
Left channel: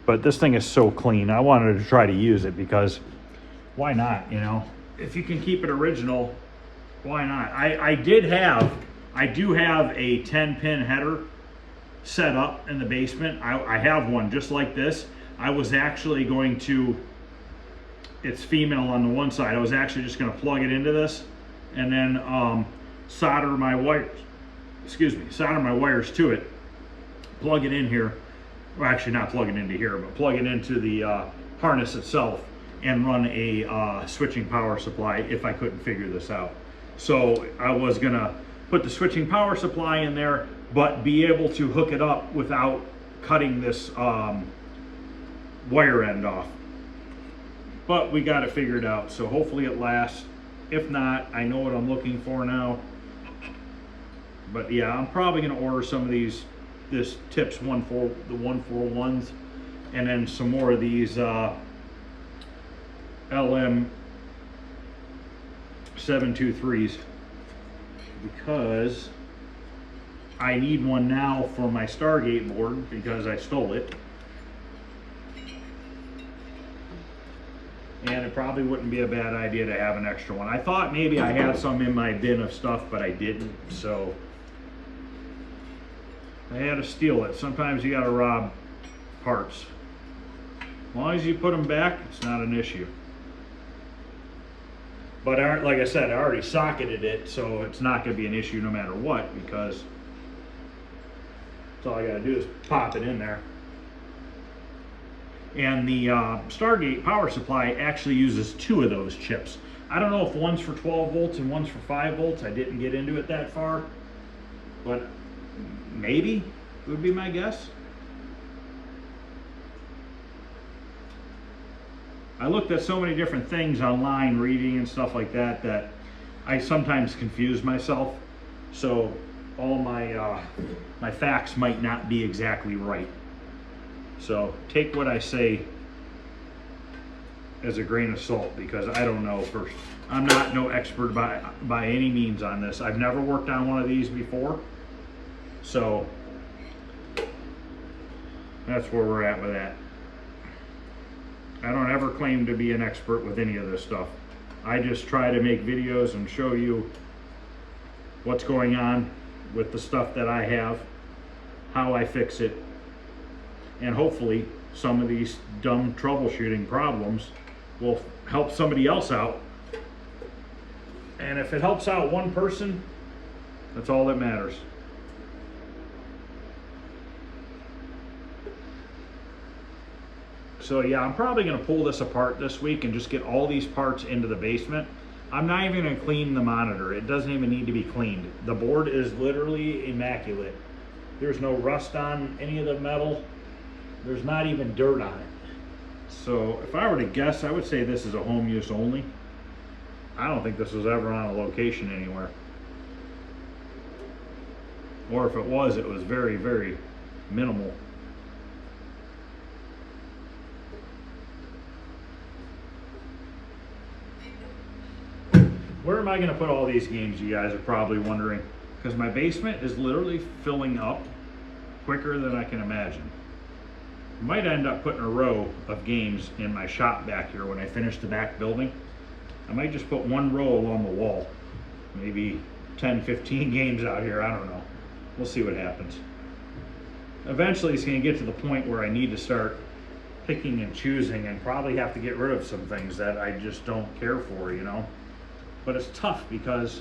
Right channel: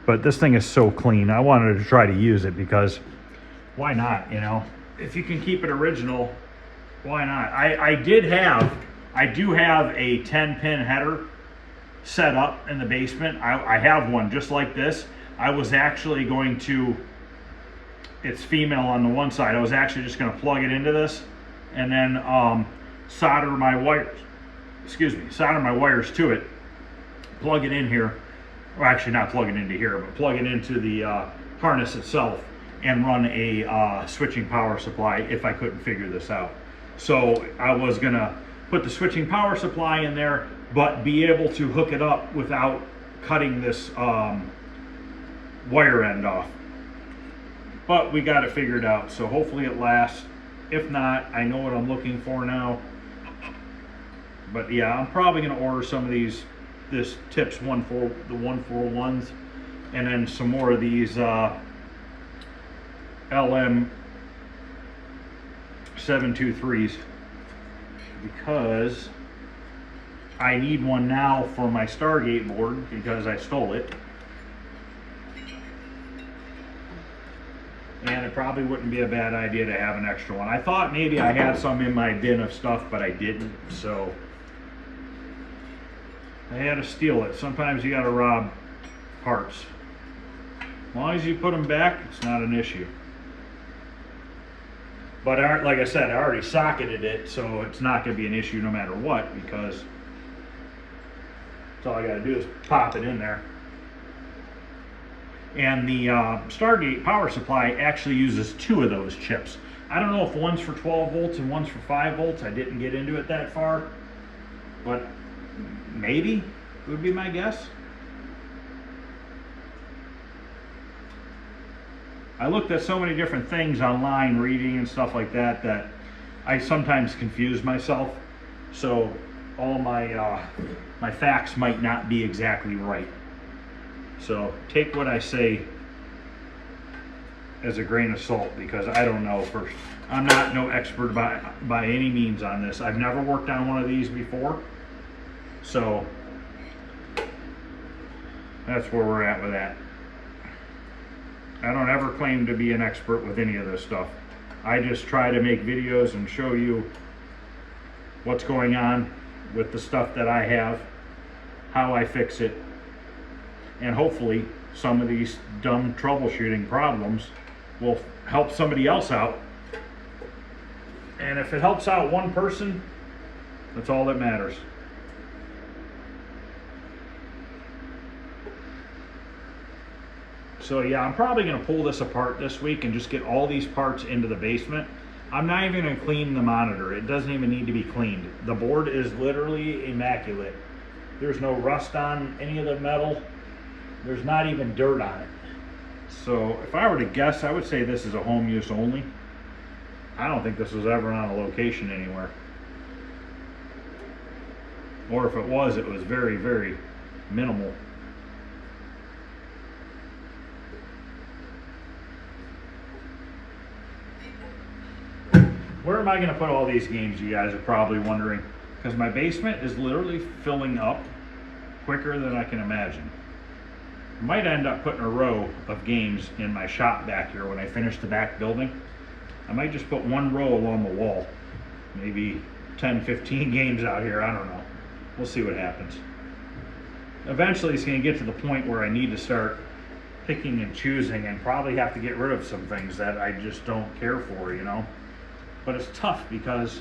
but this thing is so clean. I wanted to try to use it because why not, you know? If you can keep it original, why not? I do have a 10-pin header set up in the basement. I have one just like this. I was actually going to, it's female on the one side, I was actually just going to plug it into this and then solder my wires, solder my wires to it, plug it in here, or actually not plug it into here, but plug it into the harness itself and run a switching power supply if I couldn't figure this out. So I was gonna put the switching power supply in there, but be able to hook it up without cutting this wire end off. but we got it figured out, so hopefully it lasts. If not, I know what I'm looking for now. But yeah, I'm probably going to order some of this tips the 141s, and then some more of these LM 723s, because I need one now for my Stargate board because I stole it. And it probably wouldn't be a bad idea to have an extra one. I thought maybe I had some in my bin of stuff, but I didn't, so I had to steal it. Sometimes you gotta rob parts. As long as you put them back, it's not an issue. But like I said, I already socketed it, so it's not gonna be an issue no matter what, because all I gotta do is pop it in there. And the Stargate power supply actually uses 2 of those chips. I don't know if one's for 12 volts and one's for 5 volts. I didn't get into it that far, but maybe would be my guess. I looked at so many different things online, reading and stuff like that, that I sometimes confuse myself. So all my my facts might not be exactly right. So take what I say as a grain of salt, because I don't know. I'm not no expert by any means on this. I've never worked on one of these before, so that's where we're at with that. I don't ever claim to be an expert with any of this stuff. I just try to make videos and show you what's going on with the stuff that I have, how I fix it, and hopefully some of these dumb troubleshooting problems will help somebody else out. And if it helps out one person, that's all that matters. So yeah, I'm probably going to pull this apart this week and just get all these parts into the basement. I'm not even going to clean the monitor. It doesn't even need to be cleaned. The board is literally immaculate. There's no rust on any of the metal. There's not even dirt on it. So if I were to guess, I would say this is a home use only. I don't think this was ever on a location anywhere. Or if it was very, very minimal. Where am I going to put all these games, you guys are probably wondering? Because my basement is literally filling up quicker than I can imagine. I might end up putting a row of games in my shop back here when I finish the back building. I might just put one row along the wall. Maybe 10, 15 games out here, I don't know. We'll see what happens. Eventually it's going to get to the point where I need to start picking and choosing, and probably have to get rid of some things that I just don't care for, you know. But it's tough because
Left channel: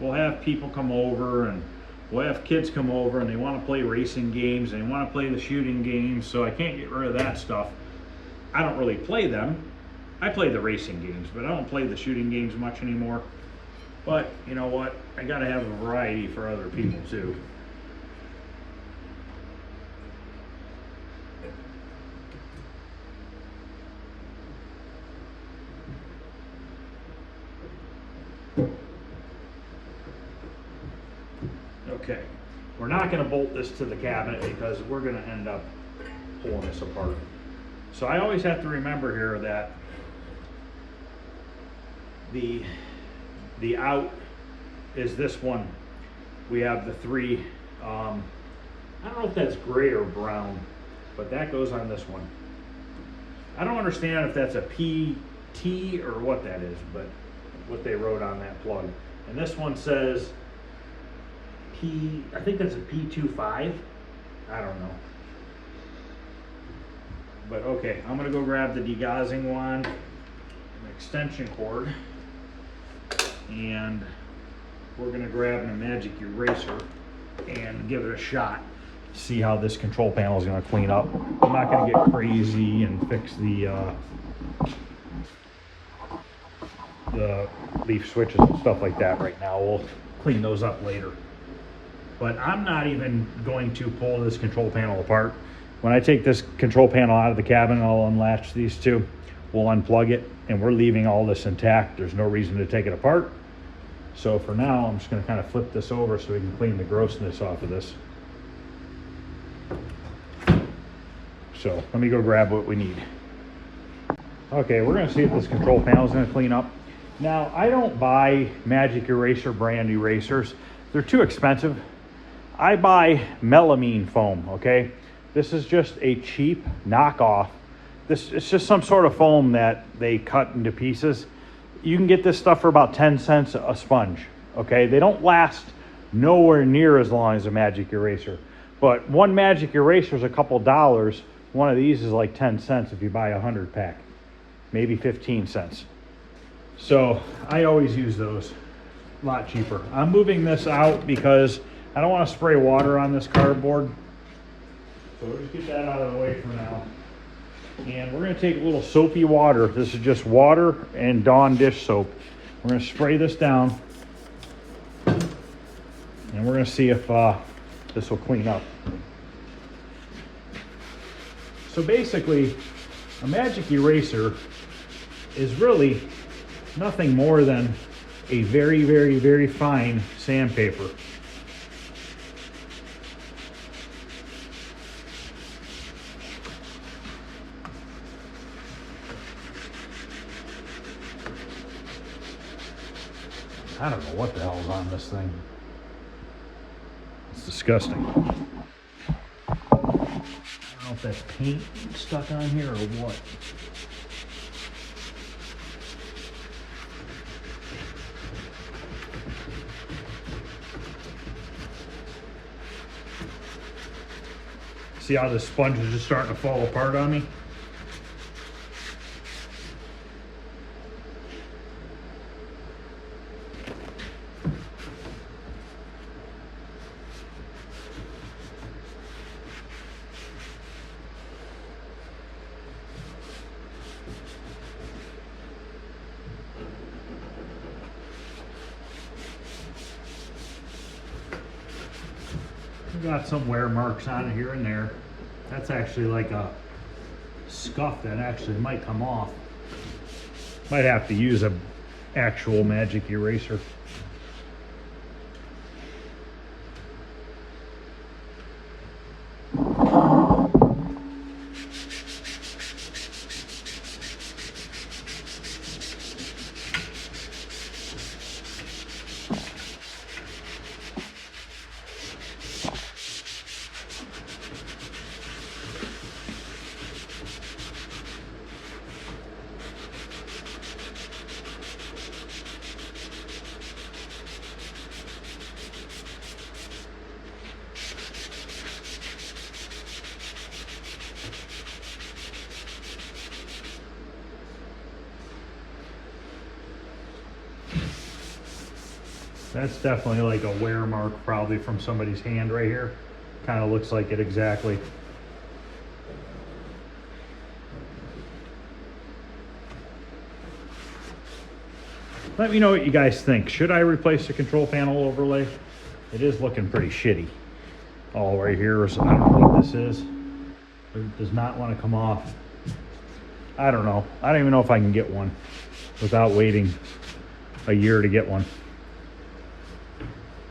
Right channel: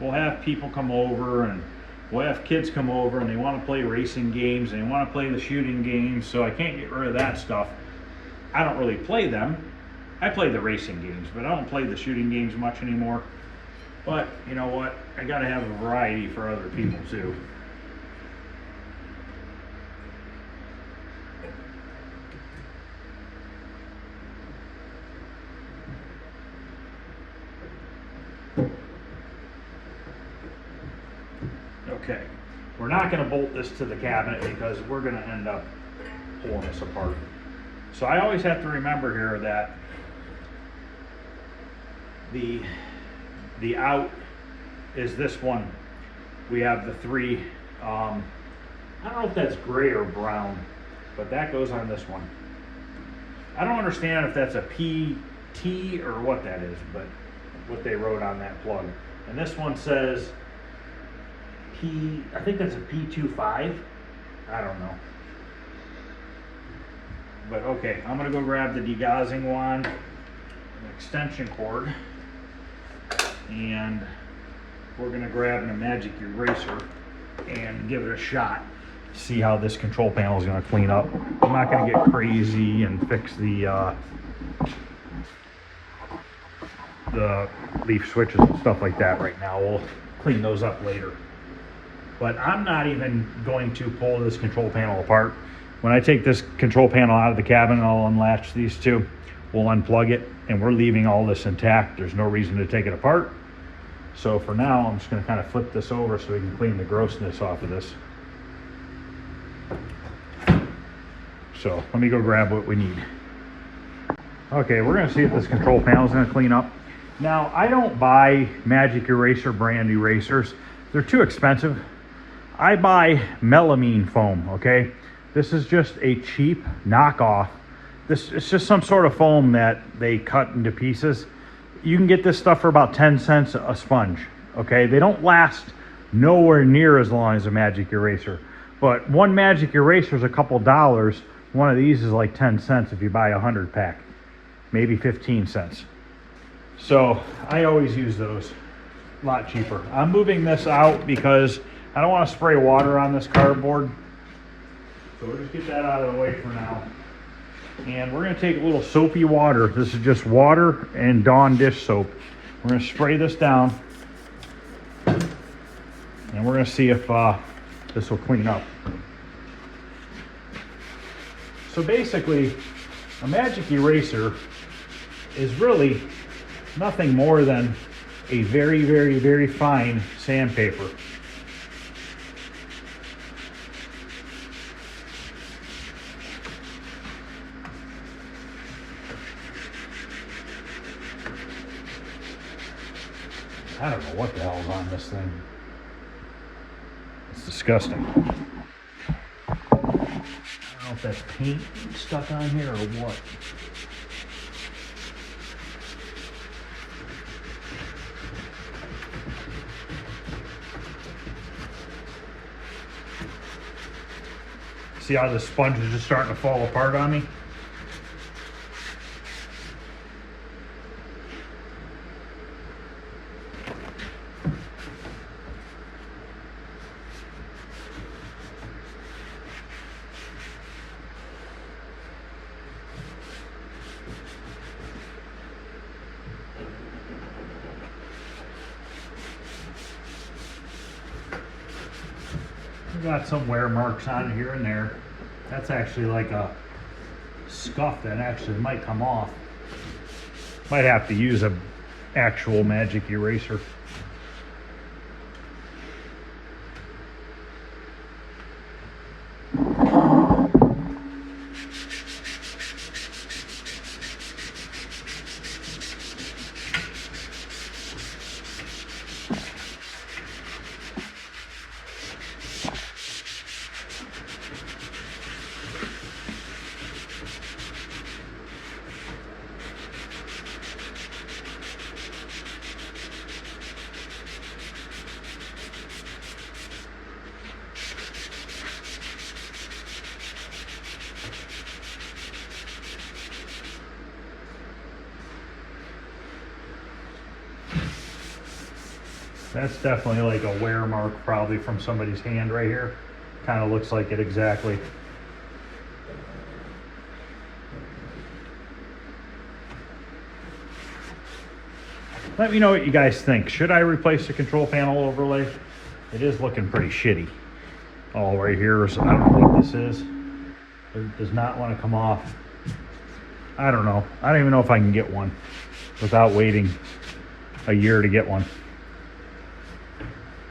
we'll have people come over, and we'll have kids come over, and they want to play racing games, and they want to play the shooting games, so I can't get rid of that stuff. I don't really play them. I play the racing games, but I don't play the shooting games much anymore. But you know what? I gotta have a variety for other people too. Okay, we're not going to bolt this to the cabinet because we're going to end up pulling this apart. So I always have to remember here that the out is this one. We have the 3, I don't know if that's gray or brown, but that goes on this one. I don't understand if that's a PT or what that is, but what they wrote on that plug. And this one says I think that's a P25. I don't know. But okay, I'm gonna go grab the degaussing wand, an extension cord, and we're gonna grab a magic eraser and give it a shot. See how this control panel is gonna clean up. I'm not gonna get crazy and fix the leaf switches and stuff like that right now. We'll clean those up later. But I'm not even going to pull this control panel apart. When I take this control panel out of the cabinet, I'll unlatch these 2. we'll unplug it, and we're leaving all this intact. There's no reason to take it apart. So for now, I'm just going to kind of flip this over so we can clean the grossness off of this. So let me go grab what we need. Okay, we're going to see if this control panel is going to clean up. Now, I don't buy Magic Eraser brand erasers. They're too expensive. I buy melamine foam, okay? This is just a cheap knockoff. It's just some sort of foam that they cut into pieces. You can get this stuff for about 10 cents a sponge, okay? They don't last nowhere near as long as a Magic Eraser. But one Magic Eraser is a couple dollars. One of these is like 10 cents if you buy a 100 pack, maybe 15 cents. So I always use those, a lot cheaper. I'm moving this out because I don't want to spray water on this cardboard. So we'll just get that out of the way for now. And we're going to take a little soapy water. This is just water and Dawn dish soap. We're going to spray this down. And we're going to see if this will clean up. So basically, a Magic Eraser is really nothing more than a very, very, very fine sandpaper. I don't know what the hell's on this thing. It's disgusting. I don't know if that's paint stuck on here or what. See how the sponge is just starting to fall apart on me? Got some wear marks on it here and there. That's actually like a scuff that actually might come off. Might have to use a actual Magic Eraser. That's definitely like a wear mark, probably from somebody's hand right here. Kind of looks like it exactly. Let me know what you guys think. Should I replace the control panel overlay? It is looking pretty shitty. All right here, so I don't know what this is. It does not want to come off. I don't know. I don't even know if I can get one without waiting a year to get one.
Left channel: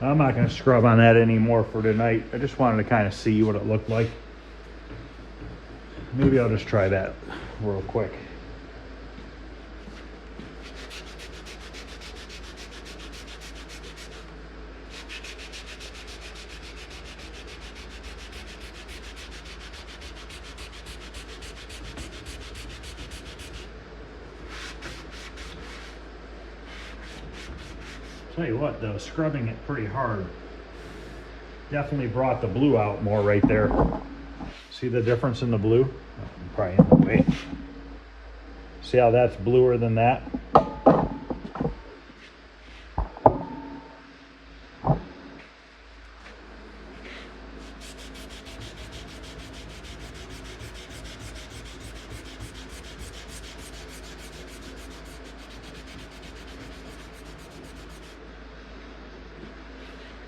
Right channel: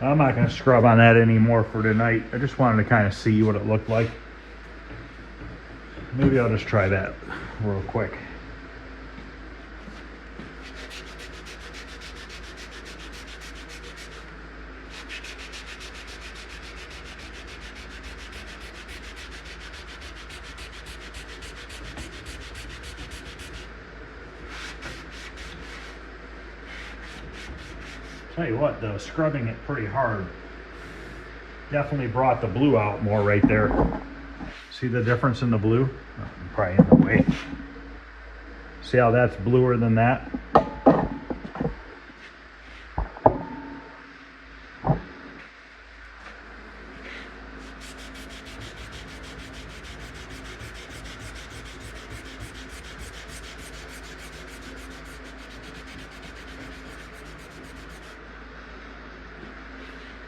I'm not going to scrub on that anymore for tonight. I just wanted to kind of see what it looked like. Maybe I'll just try that real quick. Tell you what though, scrubbing it pretty hard definitely brought the blue out more right there. See the difference in the blue? I'm probably in the way. See how that's bluer than that?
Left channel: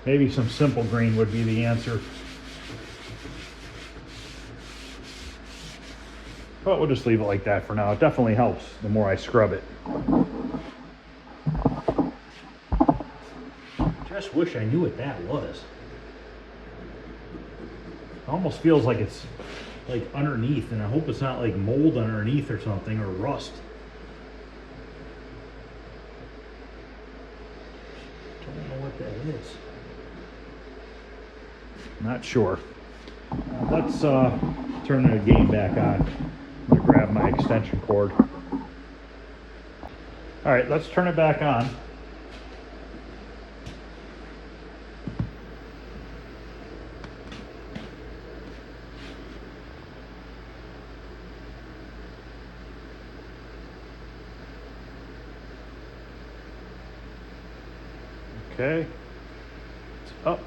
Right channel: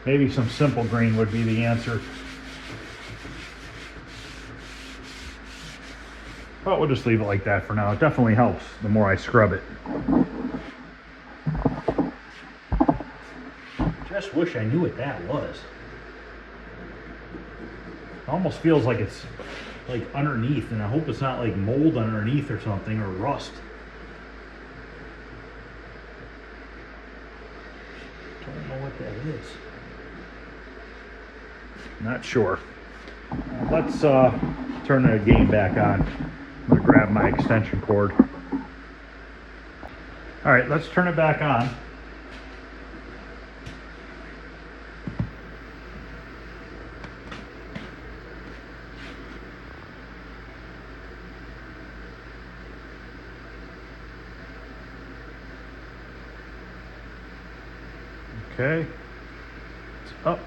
Maybe some simple green would be the answer. But we'll just leave it like that for now. It definitely helps the more I scrub it. Just wish I knew what that was. It almost feels like it's like underneath, and I hope it's not like mold underneath or something, or rust. Don't know what that is. Not sure. Let's turn the game back on. I'm gonna grab my extension cord. All right, let's turn it back on. Okay, it's up.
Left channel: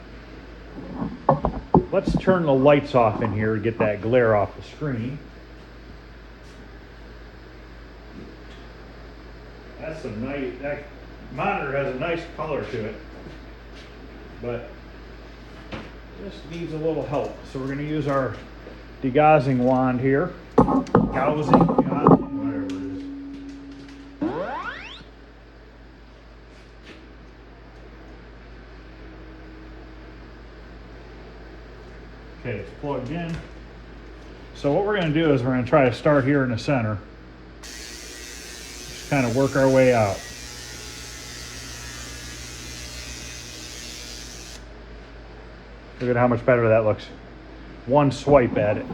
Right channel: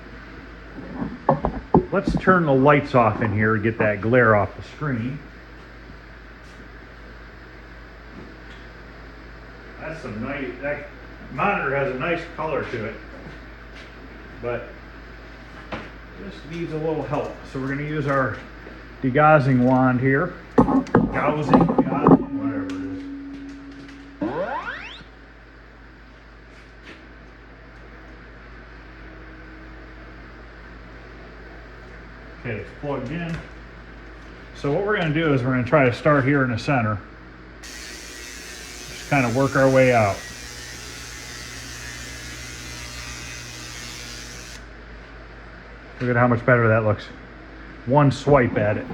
Let's turn the lights off in here and get that glare off the screen. That's a nice, that monitor has a nice color to it, but this needs a little help. So we're going to use our degaussing wand here. Degaussing, whatever it is. Okay, it's plugged in. So what we're going to do is we're going to try to start here in the center. Just kind of work our way out. Look at how much better that looks. One swipe at it.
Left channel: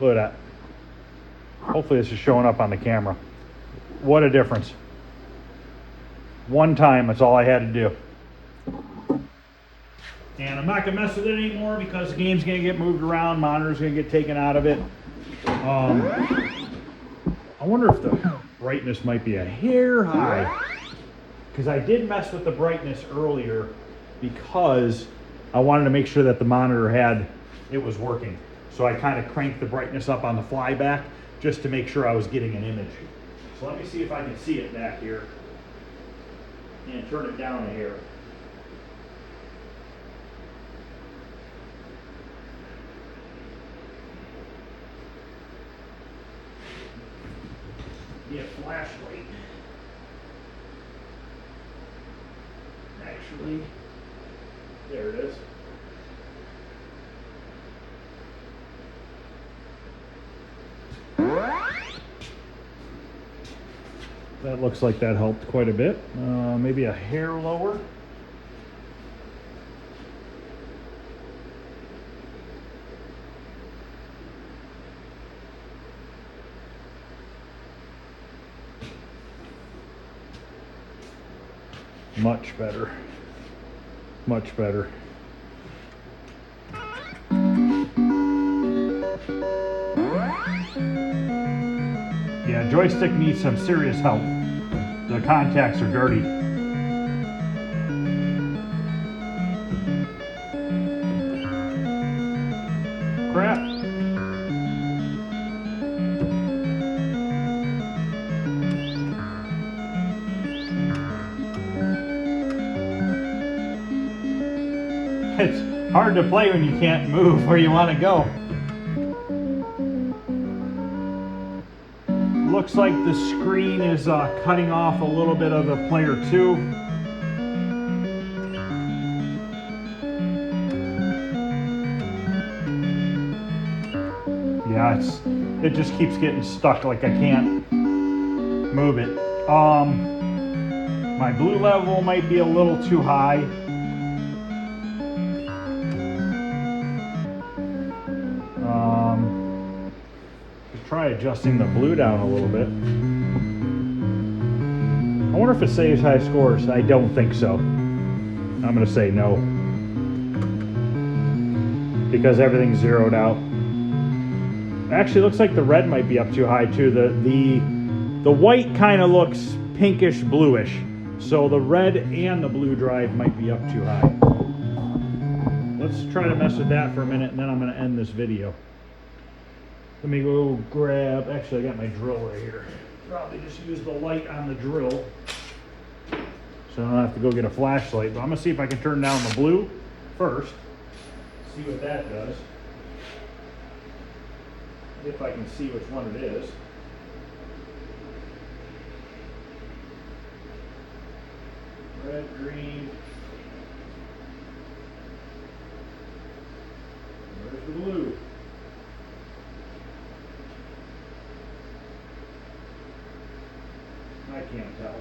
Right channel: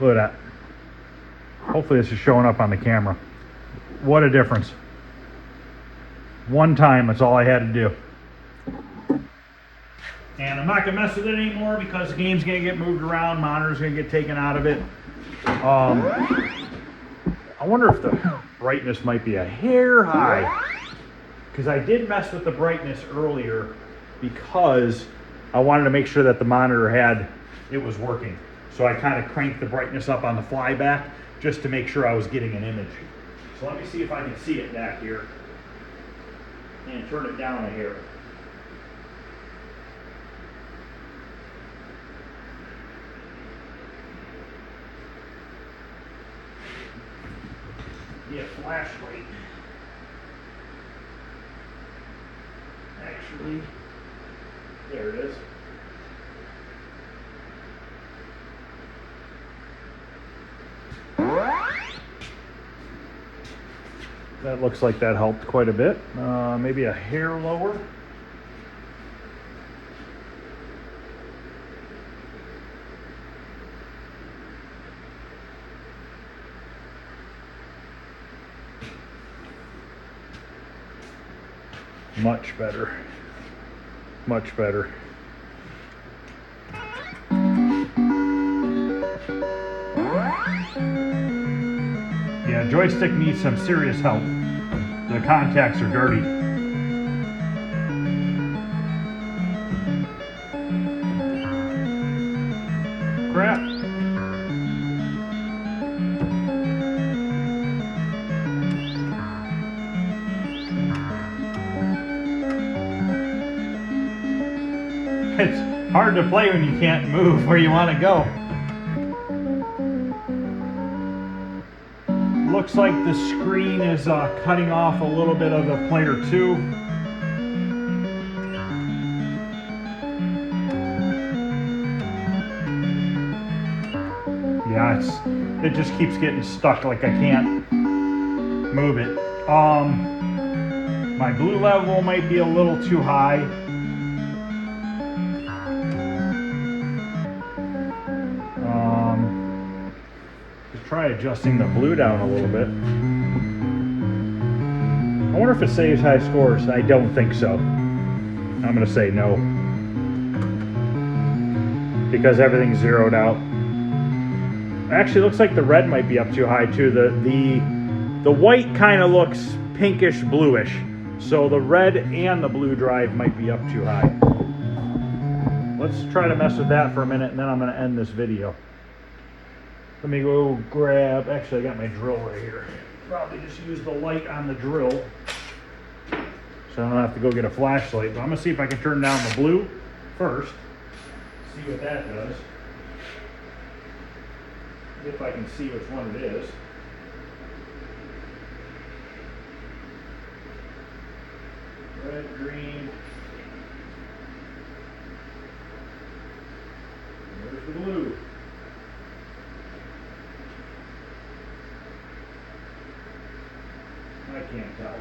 Look at that. Hopefully this is showing up on the camera. What a difference. One time, that's all I had to do. And I'm not going to mess with it anymore because the game's going to get moved around, monitor's going to get taken out of it. I wonder if the brightness might be a hair high. Because I did mess with the brightness earlier because I wanted to make sure that the monitor it was working. So I kind of cranked the brightness up on the flyback just to make sure I was getting an image. So let me see if I can see it back here. And turn it down a hair. A flashlight. Actually, there it is. That looks like that helped quite a bit. Maybe a hair lower. Much better. Much better. Yeah, joystick needs some serious help. The contacts are dirty. Crap. It's hard to play when you can't move where you want to go. Looks like the screen is cutting off a little bit of the player 2. Yeah, it just keeps getting stuck, like I can't move it. My blue level might be a little too high. Try adjusting the blue down a little bit. I wonder if it saves high scores. I don't think so. I'm going to say no. Because everything's zeroed out. Actually, looks like the red might be up too high too. The white kind of looks pinkish bluish. So the red and the blue drive might be up too high. Let's try to mess with that for a minute and then I'm going to end this video. Let me go grab, actually I got my drill right here. Probably just use the light on the drill so I don't have to go get a flashlight. But I'm gonna see if I can turn down the blue first. See what that does. if I can see which one it is. Red, green. There's the blue. I can't tell.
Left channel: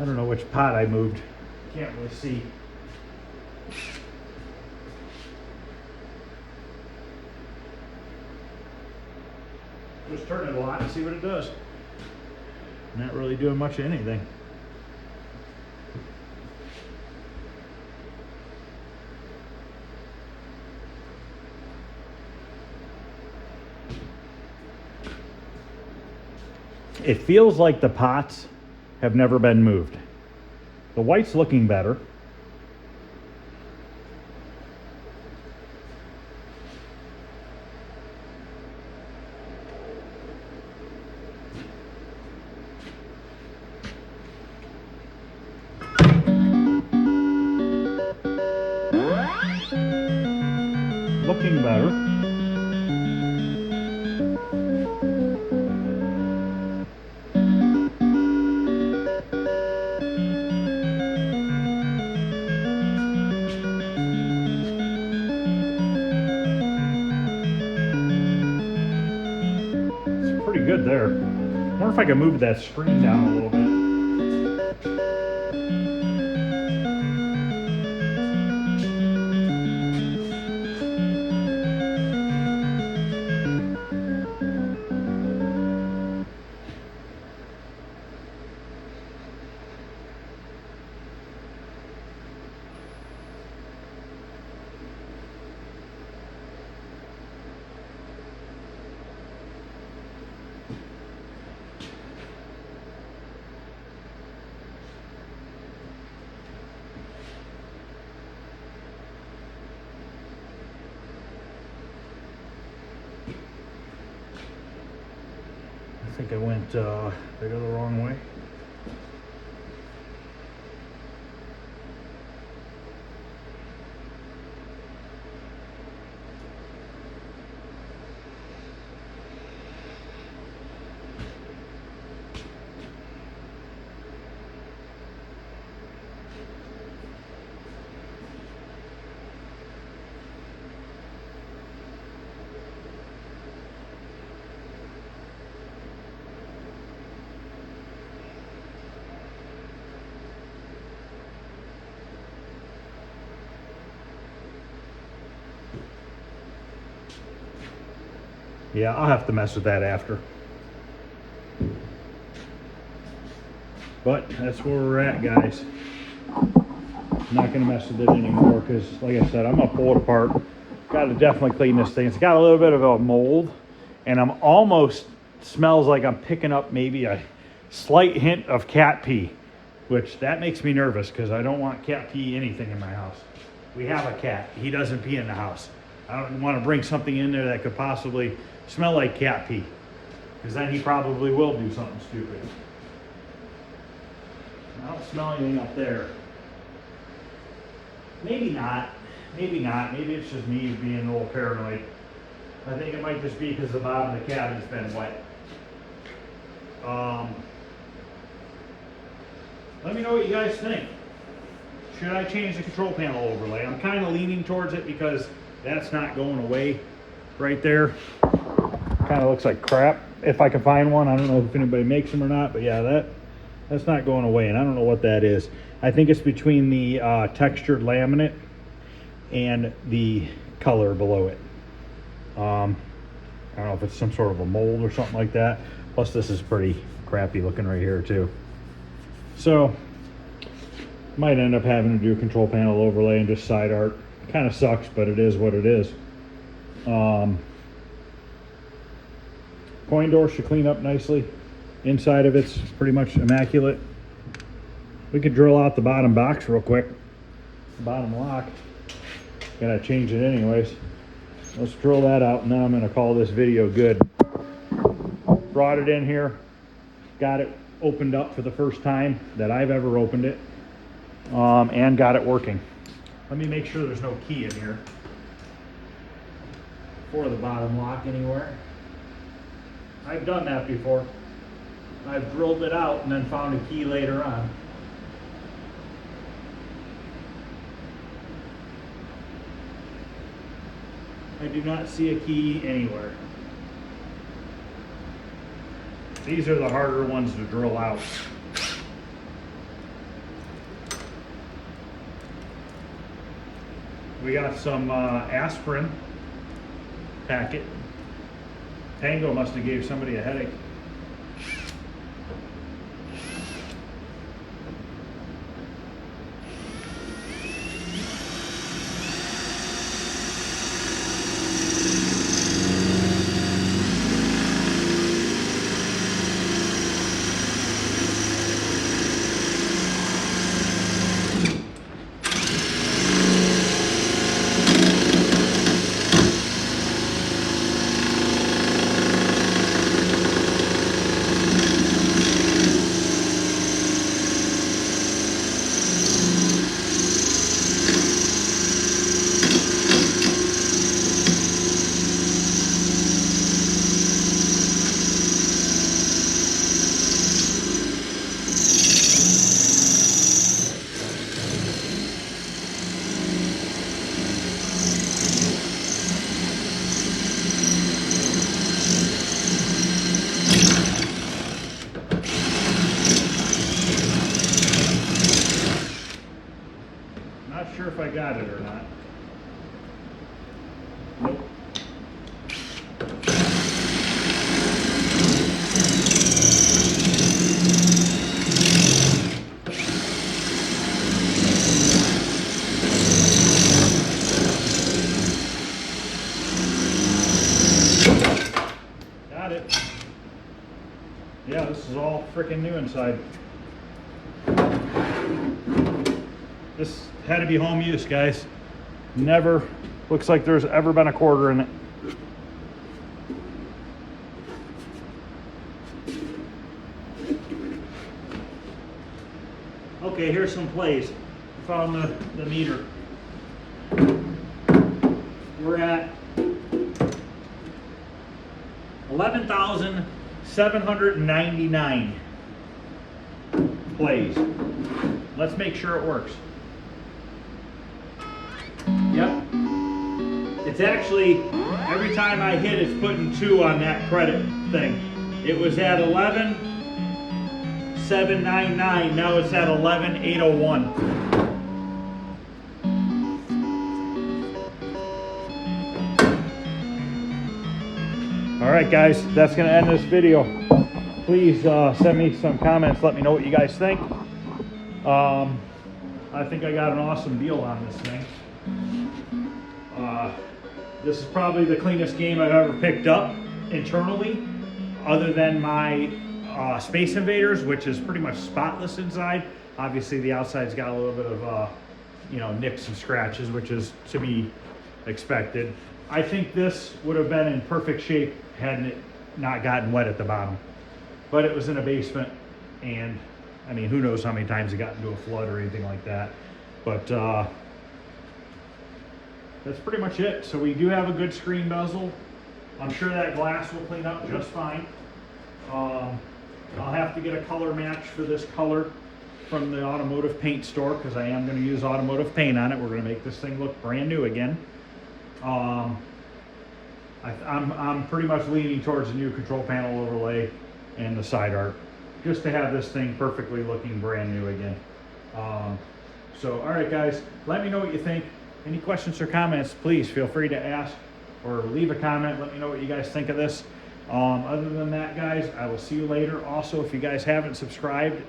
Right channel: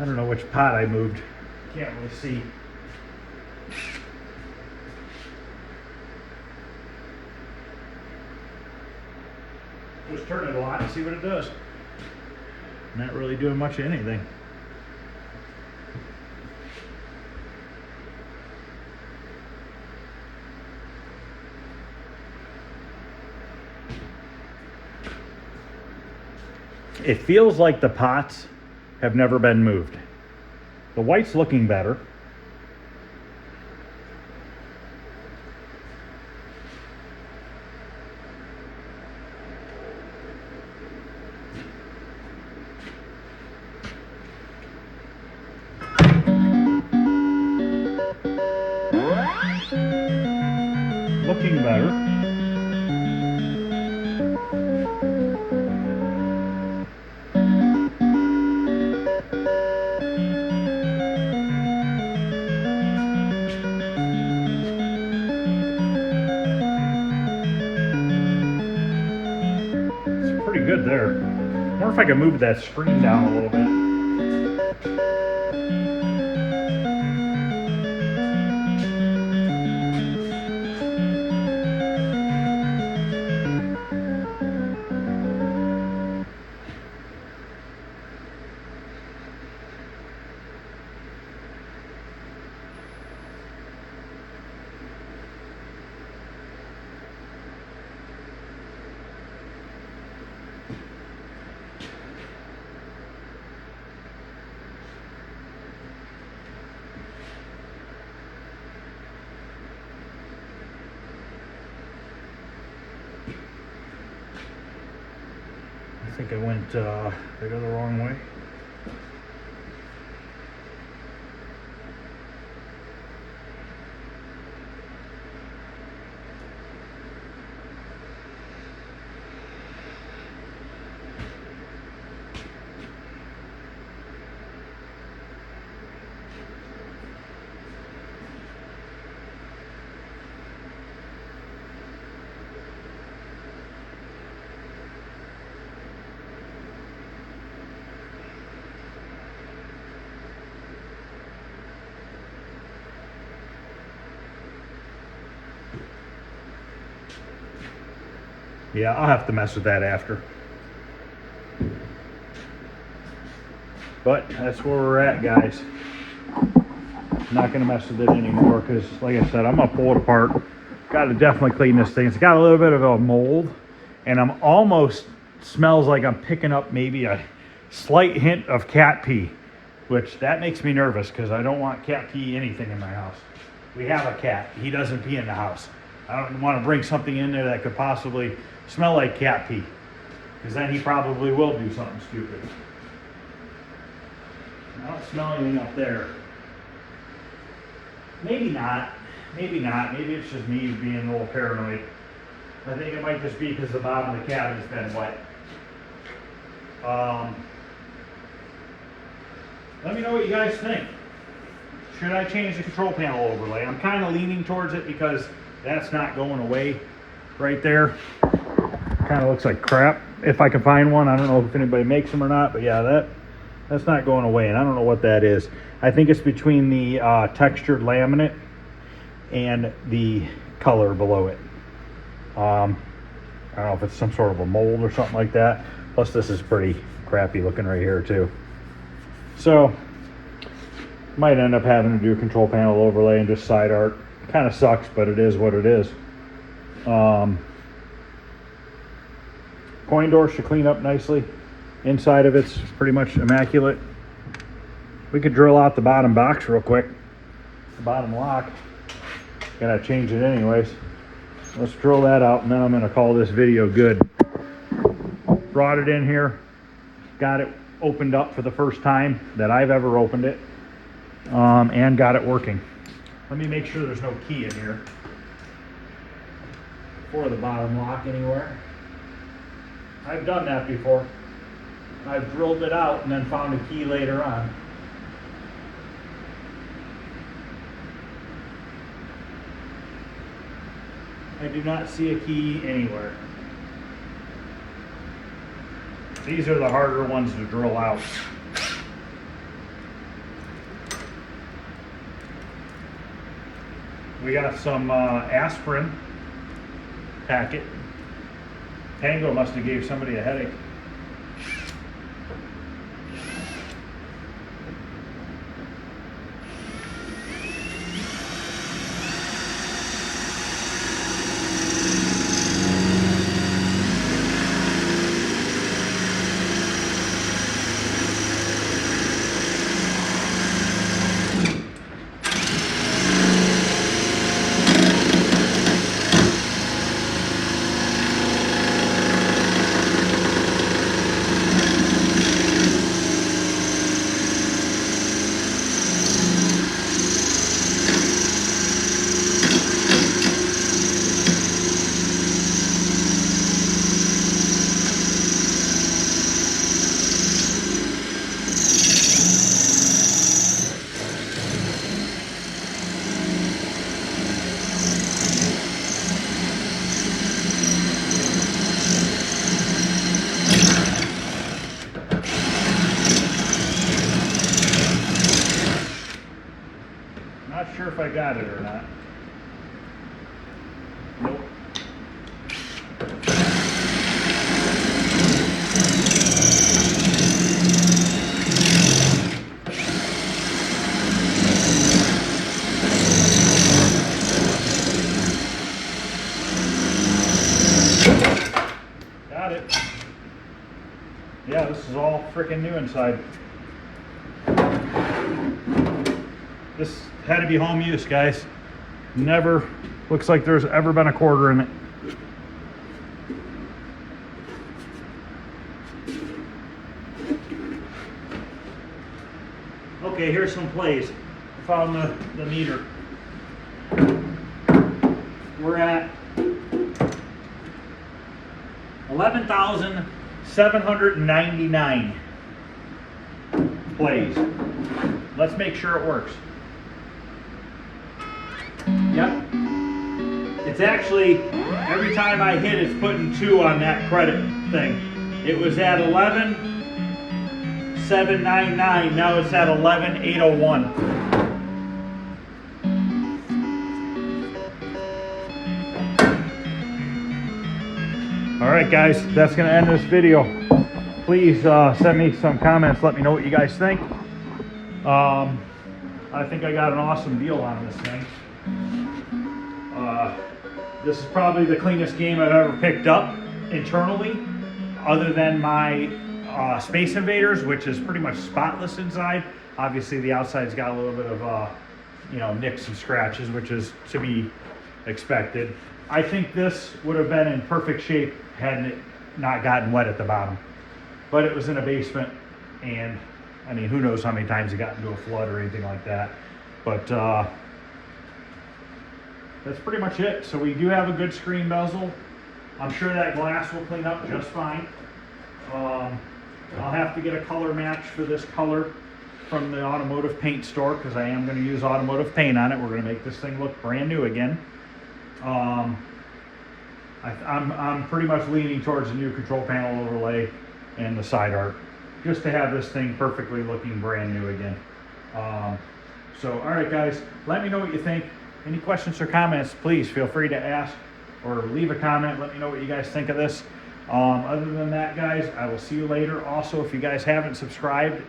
I don't know which pot I moved. Can't really see. Just turn it a lot and see what it does. Not really doing much of anything. It feels like the pots have never been moved. The white's looking better. Looking better. Pretty good there. I wonder if I can move that screen down a little bit. I think I went, did I go the wrong way? Yeah, I'll have to mess with that after. But that's where we're at, guys. I'm not gonna mess with it anymore because, like I said, I'm gonna pull it apart. Gotta definitely clean this thing. It's got a little bit of a mold, and I'm almost smells like I'm picking up maybe a slight hint of cat pee, which that makes me nervous because I don't want cat pee anything in my house. We have a cat. He doesn't pee in the house. I don't want to bring something in there that could possibly smell like cat pee, because then he probably will do something stupid. I don't smell anything up there. Maybe not. Maybe not. Maybe it's just me being a little paranoid. I think it might just be because the bottom of the cabinet's been wet. Let me know what you guys think. Should I change the control panel overlay? I'm kind of leaning towards it because that's not going away right there. Kind of looks like crap. If I can find one, I don't know if anybody makes them or not, but yeah, that's not going away, and I don't know what that is. I think it's between the textured laminate and the color below it. I don't know if it's some sort of a mold or something like that. Plus this is pretty crappy looking right here too. So might end up having to do a control panel overlay and just side art. Kind of sucks, but it is what it is. Coin door should clean up nicely. Inside of it's pretty much immaculate. We could drill out the bottom box real quick. The bottom lock. Gotta change it anyways. let's drill that out, and then I'm going to call this video good. Brought it in here, got it opened up for the first time that I've ever opened it, and got it working. Let me make sure there's no key in here for the bottom lock anywhere. I've done that before. I've drilled it out and then found a key later on. I do not see a key anywhere. These are the harder ones to drill out. We got some aspirin packet. Pango must have gave somebody a headache. Not sure if I got it or not. Nope. Got it. Yeah, this is all freaking new inside. This had to be home use, guys. Never looks like there's ever been a quarter in it. Okay, here's some plays. Found the meter. We're at 11,799 plays. Let's make sure it works. Yep. It's actually, every time I hit, it's putting 2 on that credit thing. It was at 11,799. Now it's at 11,801. All right, guys, that's going to end this video. Please send me some comments. Let me know what you guys think. I think I got an awesome deal on this thing. This is probably the cleanest game I've ever picked up internally, other than my Space Invaders, which is pretty much spotless inside. Obviously the outside's got a little bit of nicks and scratches, which is to be expected. I think this would have been in perfect shape hadn't it not gotten wet at the bottom. But it was in a basement, and I mean, who knows how many times it got into a flood or anything like that. But that's pretty much it. So we do have a good screen bezel. I'm sure that glass will clean up just fine. I'll have to get a color match for this color from the automotive paint store, because I am going to use automotive paint on it. We're going to make this thing look brand new again. I'm pretty much leaning towards the new control panel overlay and the side arc, just to have this thing perfectly looking brand new again. So, all right, guys, let me know what you think. Any questions or comments, please feel free to ask or leave a comment. Let me know what you guys think of this. Other than that, guys, I will see you later. Also, if you guys haven't subscribed,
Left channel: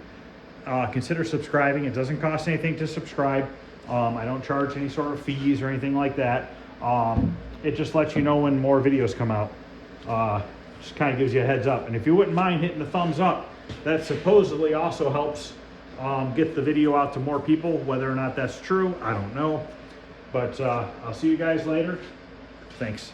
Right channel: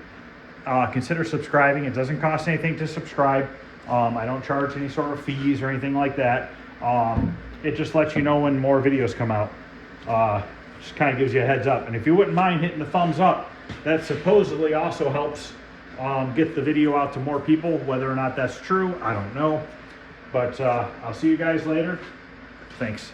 consider subscribing. It doesn't cost anything to subscribe. I don't charge any sort of fees or anything like that. It just lets you know when more videos come out. Just kind of gives you a heads up. And if you wouldn't mind hitting the thumbs up, that supposedly also helps get the video out to more people. Whether or not that's true, I don't know. But I'll see you guys later. Thanks.